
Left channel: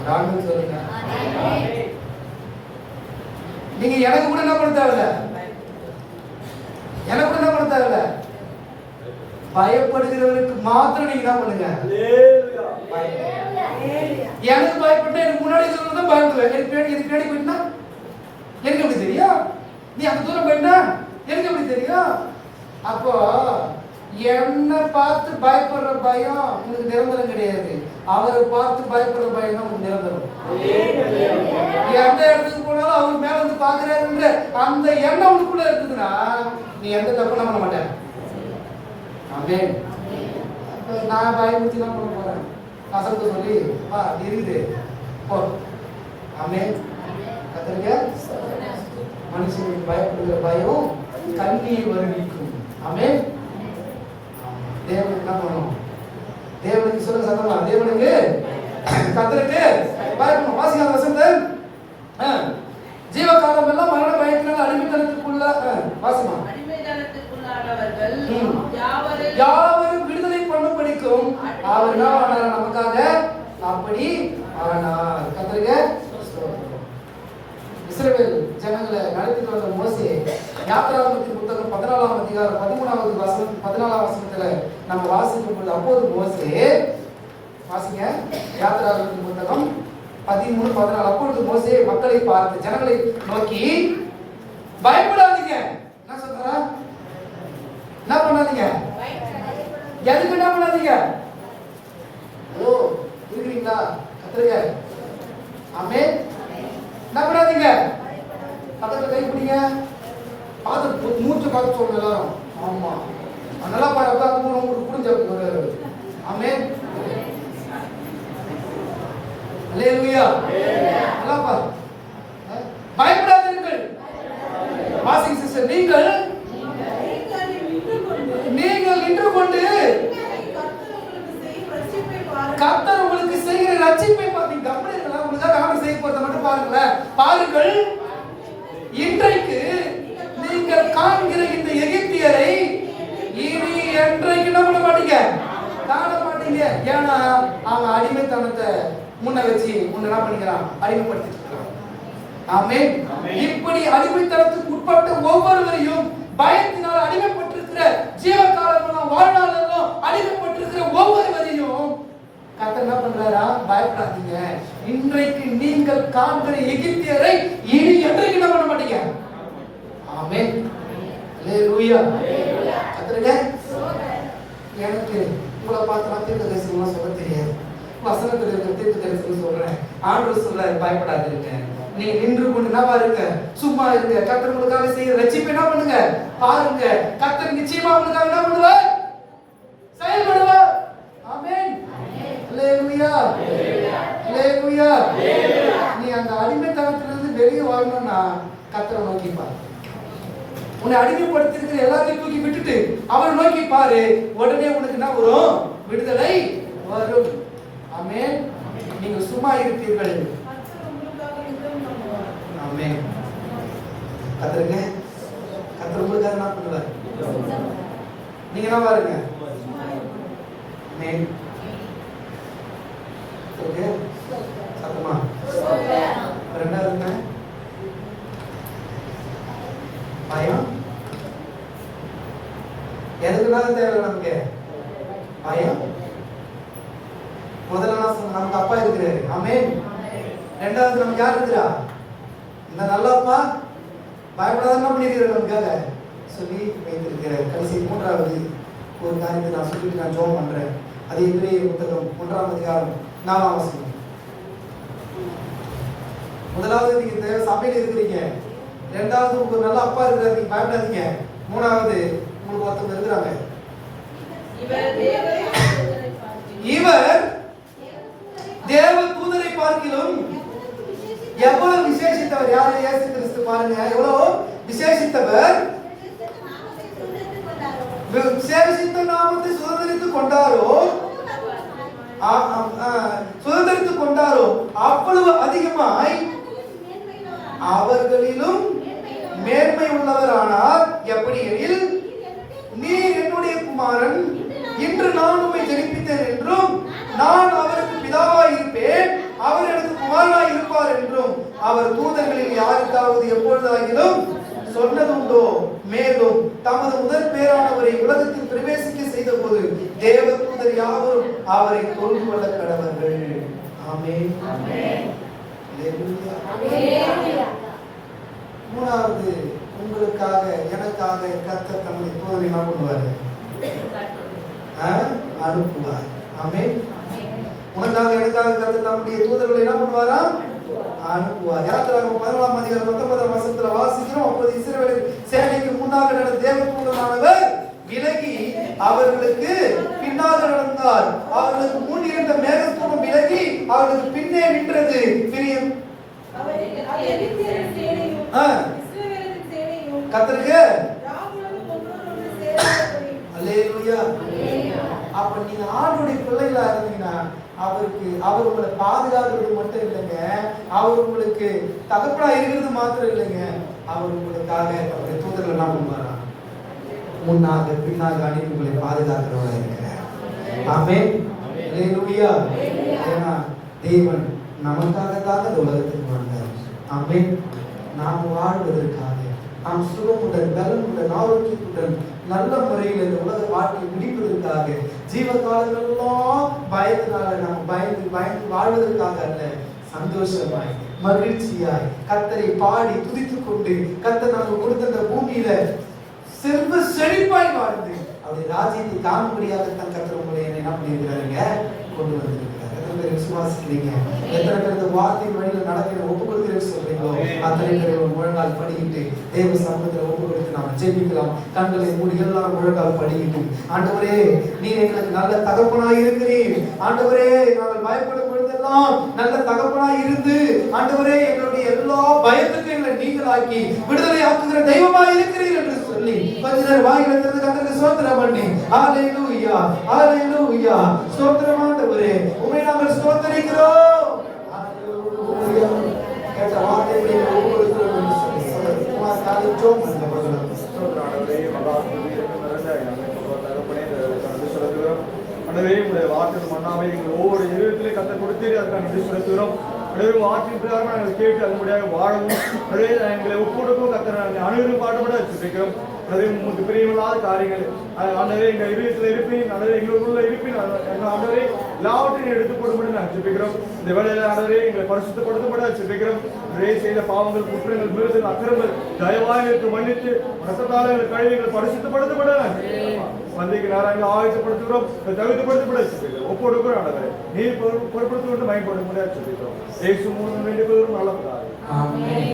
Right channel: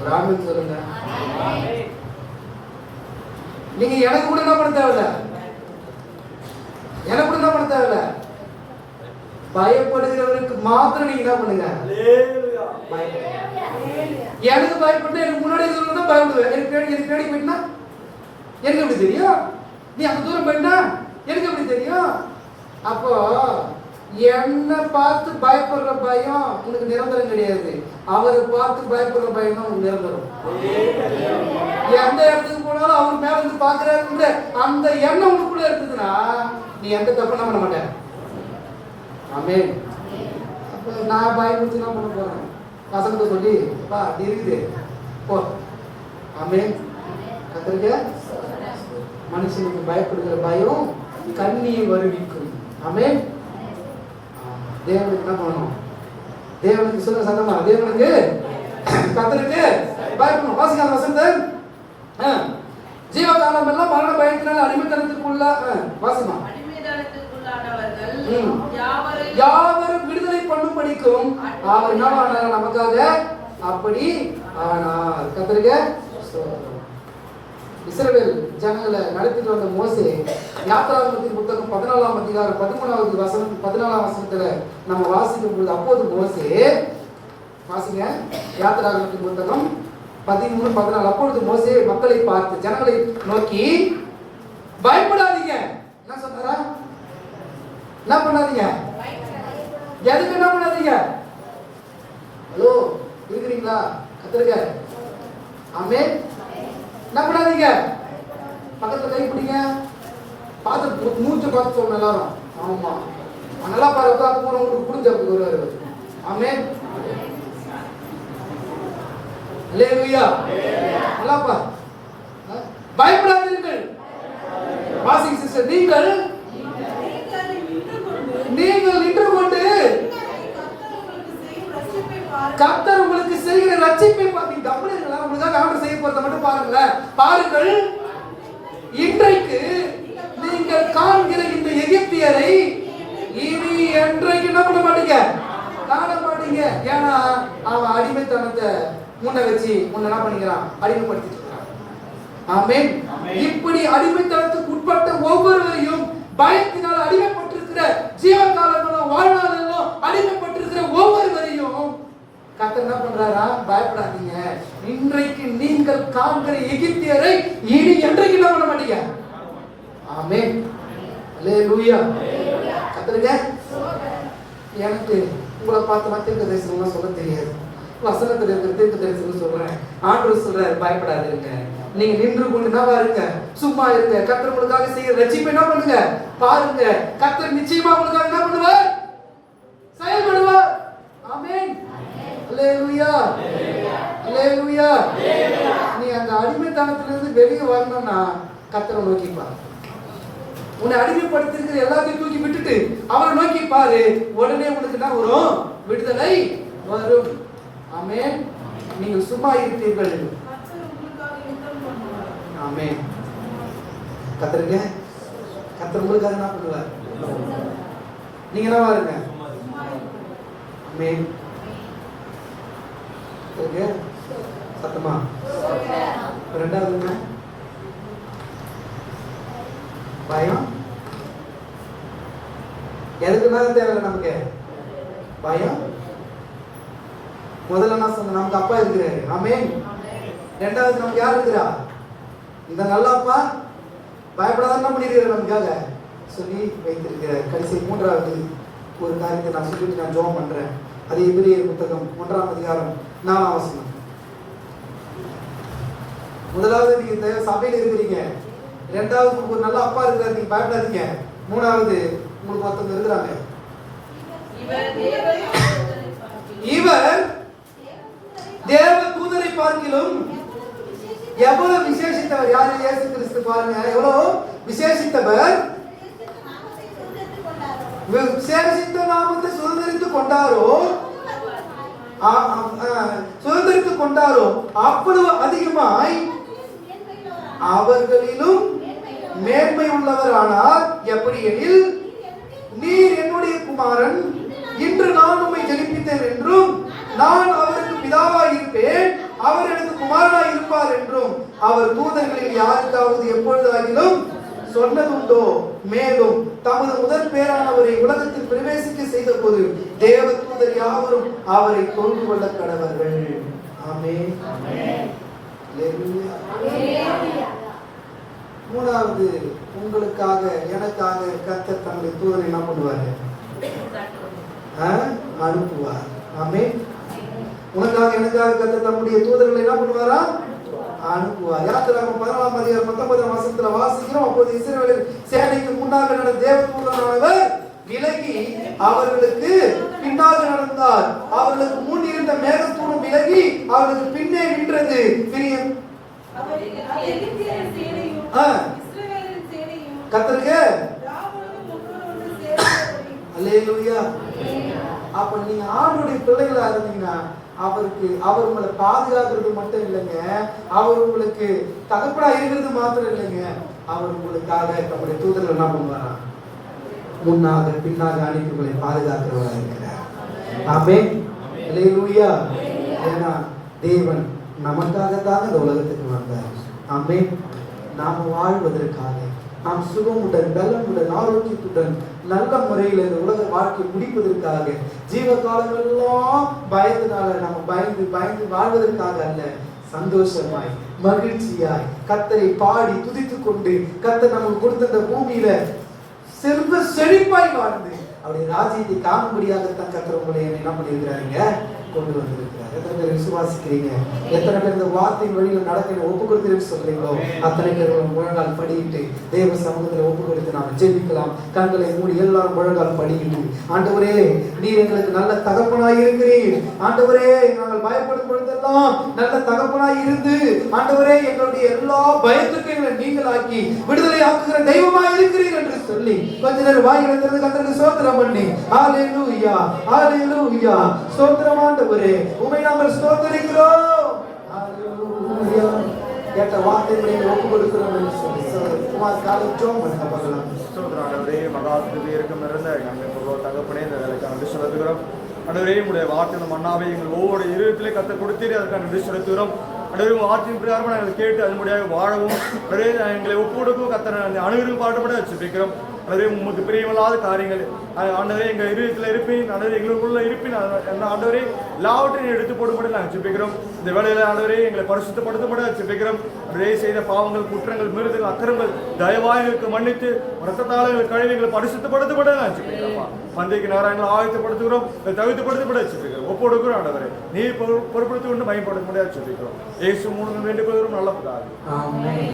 ராமன் சொல்லுங்க. நீங்க எனக்கு கூட என்ன பண்ண தேவையில்லை. எனக்கு கூட என்ன பண்ண தேவையில்லை. பயப்படுகிறவருக்கு மாத்திரம் நீங்க என்ன பண்ணுங்க? எனக்கு பயப்பட்டு எனக்கு முன்னாடி தான் பயப்படுவேன். எனக்கு பின்னாடி போயிட்டா எனக்கு எப்படி தெரியும்? நீ அந்த தூரம் போயிட்டா எனக்கு எப்படி தெரியும்? அப்போ என்ன பார்த்து பயப்படுற பயம் உனக்கு நிரந்தரம் கிடையாது. அவரை பார்த்து பயப்படுற பயம் தான் உனக்கு நிரந்தரம். எந்த இடத்துக்கு போனாலும் அவர் மேல வந்து பாக்குறாரு அந்த எண்ணம் உனக்குள்ள இருக்குதுன்னா நீ எந்த தப்புனா பண்ண மாட்டேன். ஆமென். நான் பயமுறுத்தி தான் பண்ண போறேன். வசனத்தை சொல்லி பா அப்படி இருக்குது போ. ஆமென். கத்தரிக்க மனுஷனுக்கு பயப்படுகிற பயம் கண்ணியை வருவிக்கும். ஆமென். தேவனுக்கு என்ன பண்ணணும்? தேவனுக்கு சொல்ல சத்தமா, தேவனுக்கு கத்தருக்கு பயப்படணும். வாசிக்காத வசனத்தை. ஜீவகாலம் எல்லாம் மரண பயத்தினால் அடிமைத்தனத்திற்குள்ள வாசிக்கணும். யாவரும் விடுதலை பண்ணும் படிக்கும் அவர் என்ன பண்ணாரு நமக்காக? அப்படி ஆனார். கத்தருங்க. இஸ்ரவேல் ஜனங்களை நடத்திட்டு வந்த மோசே யாத்திராகமத்தின் புத்தகம் 14ஆம் அதிகாரம் 13வது வசனம் 14ஆம் வசனத்துல நம்ம வாசிக்கும் போது அப்போது மோசே வாசிங்க. யாத்திராகமத்தின் புத்தகம் 13:14. அப்பொழுது மோசே மக்களை பார்த்து ஜனங்களை நோக்கி பயப்படாதீங்க. என்ன சொல்றாரா? என்ன பண்ணாதீங்க. எதுக்கு என்ன பண்ணாதீங்க? ஓ இருக்கிறீங்களா? கத்துருங்க. ஆமென். என்ன பண்ணாதீங்க, பக்கத்துல கை பிடிங்க, பார்த்து மூச்சு பார்த்து சொல்லணும் எல்லாரும். ஆமா, நல்லா பாரு, உட்காந்து உங்களுக்கு புரிஞ்ச ஒரு ஆமென். அல்லேலூயா. நல்லா பாரு. பயப்படாதீர்கள். வாசிங் சிஸ்டர், நீங்கள் நின்று கொண்டு கர்த்தர் உங்களுக்கு செய்கிற ரட்சிப்பை பாருங்க. கவனிங்களா, உங்களுக்காக ஆண்டவர் செய்ய போறத மட்டும் பாருங்களேன். பாருங்கள், இன்றைக்கு நீங்கள் காண்கிற இந்த எகிப்தியரை இனி என்றைக்கு என்ன பண்ண மாட்டீங்க, காண மாட்டீங்க. ஏன்னா அவன் அடிமைத்தனத்தை முன்ன வச்சு உன்னை என்ன பண்ணிக்கிறான், அடிமைப்படுத்திட்டு இருக்கான். ஆமென். இப்படி அடிமைத்தனத்துக்கு உட்பட்ட ஒவ்வொருவரையும், பயத்தினால் அடிமைப்பட்டிருக்கிற ஜீவகாலங்களும் வாழ்நாளெல்லாம் அடிமைப்பட்டிருக்கிற ஒவ்வொருவரையும் கர்த்தர் என்ன பண்றாரா, பயப்படாதீங்க, இன்றைக்கு நீங்கள் காண்கிற எகிப்தியரை இனி என்றைக்கு என்ன பண்ண மாட்டீங்க. ஆமென். அல்லேலூயா. கர்த்தருங்க, எனக்கு உங்களை பார்த்து தீர்க்க தரிசனம் சொல்ல தெரியாது, வசனத்தில் இருக்கிற தீர்க்க தரிசனம் சொல்றேன். ஆண்டவர் சொல்றாரு, பயப்படாதீங்க, நீங்க நின்று கொண்டு என்ன பாருங்க, சும்மா இருங்க. கர்த்தர் உங்களுக்காக செய்ய ரட்சிப்பை என்ன பண்ணுங்க, பாருங்க. கர்த்தர் நிச்சயமா உங்களுக்காக என்ன பண்ணுவார், செயல்படுவார். ஆமென். அல்லேலூயா. அல்லேலூயா. நீ அந்த அடிமைத்தனத்திலிருந்து வெளியே வரணும்னா கர்த்தரை நோக்கி பாரு. உன்னை அடிமைப்படுத்திருக்கிற எல்லாத்தையும் தூக்கி விட்டுட்டு அவரை நோக்கி பாரு, உடனே உனக்கு என்ன வரும், விடுதலை வரும். ஆமென். நீங்க சும்மா இருப்பீர்கள். ஆமென். கர்த்தருங்க, கர்த்தர் உங்களுக்காக என்ன பண்ணுவார், நீங்க என்ன பாருங்க. ஆமென். சத்தமா ரெண்டாவது பயம். எதுக்குனாலும் தேவை நமக்கு பயம். முதல்ல நமக்கு அப்பா இருக்கிறாரு. ஆமென். ரெண்டாவது நமக்கு யார் இருக்கிறா, இந்த நல்ல அப்பா பயப்படாத என்ன பண்ணிருக்கிறார் நமக்காக சொல்லி வைத்திருக்கிறார். கடைசி மூன்றாவது ஒரு காரியத்தை நான் சொல்லிட்டு நான் ஜெபம் பண்றேன். அது எபிரேயர் புத்தகம் 1ஆம் அதிகாரம் 4ஆம் வசனம். முதலாவது, நீங்க தேவ சபையில இருக்கிறீங்க. இரண்டாவது, உங்களுக்கு ஒரு நல்ல அப்பா இருக்கிறார், நீங்க பயப்படாதீங்க. மூணாவது, உங்களுக்கு ஒருத்தர் இருக்கிறாங்க, இவர் தேவ தூதரை பார்க்கிலும் எவ்வளவு விசேஷித்தவர். யாரு, இயேசு கிறிஸ்து. பாருங்க எவ்வளவு விசேஷித்தவர். விசேஷித்த நாமத்தை சுதந்திரித்துக் கொண்டாரோ அவ்வளவு அதிகமாய் அவர்களிலும் மேன்மை உள்ளவரானார். எப்படி எனில், நீர் என்னுடைய குமாரன், இன்று நான் உம்மை ஜெனிப்பித்தேன் என்றும், நான் அவருக்கு பிதாவாய் இருப்பேன், அவர் எனக்கு குமாரனாய் இருப்பார் என்றும் அவர் தூதர்களில் யாருக்காவது எப்பொழுதாகிலும் சொன்னதுண்டோ. மேலும் தமது முதல் பேரானவரை உலகத்தில் பிரவேசிக்க செய்த போது தேவ தூதர் யாவரும் அவரை தொழுது கொள்ள கடவர்கள். ஆமென். மூணாவது, உங்களுக்காக எனக்காக கர்த்தர் தம்முடைய தூதரை என்ன பண்ணுவாரு, அனுப்புவார். ஆமென். உனக்காக எனக்காக கர்த்தர் தம்முடைய தூதர்களை என்ன பண்ணுவாரா, அனுப்புவார். யாத்திராகமம் 14ஆம் அதிகாரம் 19ஆம் வசனத்துல வாசிக்கிறோம். அப்போது இஸ்ரவேல் சேனைக்கு முன்னாக நடந்த தேவதூதனானவர் விலகி அவர்களுக்கு பின்னாக நடந்தார். அவர்களுக்கு முன் இருந்த மேகத்தூணம் விலகி அவர்களுக்கு பின்னே நின்றது. கர்த்தருக்கு அல்லேலூயா. அப்ப நீங்க ஆண்டவருடைய பிள்ளைகளா இருந்தீங்கன்னா அவர் உங்களை பாதுகாக்கிறது மட்டும் இல்லைங்க, அவர் உங்களுக்கு தகப்பனா இருக்கிறது மாத்திரம் இல்லைங்க, அவர் உங்களுக்காக அவருடைய தூதர்கள் என்ன பண்ணுவாரா, முன்னாக பின்னாக அனுப்பி உங்களை பாதுகாக்கிறவங்களா இருக்கிறார். ஆமென். அல்லேலூயா. ஏன்னா தேவன் நமக்காக தான் இந்த உலகத்துக்கு வந்தார். ஆமென். நாம் வாழ்வதற்காக, நாம் சுகமுடன் பலமுடன் ஆரோக்கியத்துடன் நல்ல முறையில் இந்த உலக வாழ்க்கை முடிப்பதற்காக, ஜீவ காலங்களெல்லாம் பயத்தினால நாம் பயந்து வாழ்வதற்காக அல்ல, சந்தோஷமாய் மகிழ்ச்சியாய் கர்த்தரை பாடி துதித்துக் கொண்டு கர்த்தர் நமக்கு கொடுத்த இந்த பூமியில செல்வ செழிப்பாய் வாழ்ந்து அவருடைய ராஜ்யத்தை காணும்படியாக தான் கர்த்தர் உங்களை என்ன பண்ணியிருக்கிறாருங்க, கொண்டு வந்திருக்கிறார். பேர் விசுவாசிக்கிறீங்க? எத்தனை பேர் இந்த வார்த்தையின் வழியில் நடக்க ஒப்பு கொடுத்து சொல்றீங்களோ அத்தனை பேர் முழங்கால் படிக்கிட்டு தேவ சமூகத்தில் ஒப்பு கொடுத்து நாம் ஜெபிக்கலாம். கண்களை மூடி எல்லாம் முழங்கால் படிக்கிட்டு, ஆண்டவரே நீர் எங்களுக்கு நல்ல தகப்பனாய் இருக்கிறீர். ஆண்டவரே நாங்கள் பயப்படும் பொழுதெல்லாம் நல்ல தகப்பனாய் இருந்து ஆண்டவரே எங்களுடைய எல்லா பயத்துக்கும் எங்களை நீங்களாக்கி விடுதலை ஆக்குகிற தெய்வமாய் இருக்கிறீர் என்று சொல்லி கொஞ்ச நேரம் வாயில திறந்து கர்த்தருக்கு ஸ்தோத்திரம் பண்ணி ஹalleluya ஹalleluya ஸ்தோத்திரம் ஆண்டவரே உம்மை நாங்கள் ஸ்தோத்திரிக்கிறோம். ஹalleluya கேட்ட வார்த்தைகளை ஒப்பு கொடுக்கிறோம் என்று சொல்லி குமார் காலிச்சோம் மத்தவர்களாம் ஸ்தோத்திரம் ஆண்டவரே. மகாபுரி இருக்கும் நிறைந்த எங்களுக்கு தகப்பனே நன்றி செலுத்துகிறோம். ஆண்டவரே உங்களுடைய வார்த்தை மன்னாவை எங்கள் ஒவ்வொரு இருதயத்திலே கற்றுக் கொடுத்தீரே அதுக்காக நன்றி செலுத்துகிறோம். ஆண்டவரே வார்த்தையின் பிரகாரமாக நாங்கள் கேட்டு அதன்படியாக வாழவும் ஆண்டவரே எங்களை ஒப்புக்கொடுக்கவும் கர்த்தரை அணுகிலும் பாடுபட வச்சிருக்கிறோம். ஆண்டவரே உங்களுக்கு பிரியமில்லாத காரியங்கள் ஆண்டவரே எங்கள் இருதயத்தில் இருப்பேன், ஆண்டவரே எங்களுக்குள்ள இருப்பேன், ஆண்டவரே எல்லாவற்றையும் எடுத்து போடும்படி நாங்கள் ஜெபிக்கிறோம். இந்த வேளையில் ஆண்டவரே எங்களை பரிசுத்தப்படுத்தப்பட ஜெபிக்கிறோம். ஆண்டவரே செய்த பாவங்கள், குற்றங்கள், மீறுதல், அக்கிரமங்கள் தயவாய் எங்களுக்கு மன்னித்து ரத்தத்தால் எங்கள் கழுவிகள் பரிசுத்தப்படுத்தப்பட நாங்கள் ஜெபிக்கிறோம். மந்தைக்கு நாராயணன் ஆயத்தப்படுத்துகிறோம், தகுதிப்படுத்தப்பட ஜெபிக்கிறோம். ஒப்புக்கொடுக்கிறோம் ஆண்டவரே நீர் பொறுப்படுத்திக் கொண்டு பயன்பட முடியாது ஜெபிக்கிறோம். இயேசு மூலம் வேண்டிக் கொள்கிறோம் நல்ல பிதாவே. ஆமென்.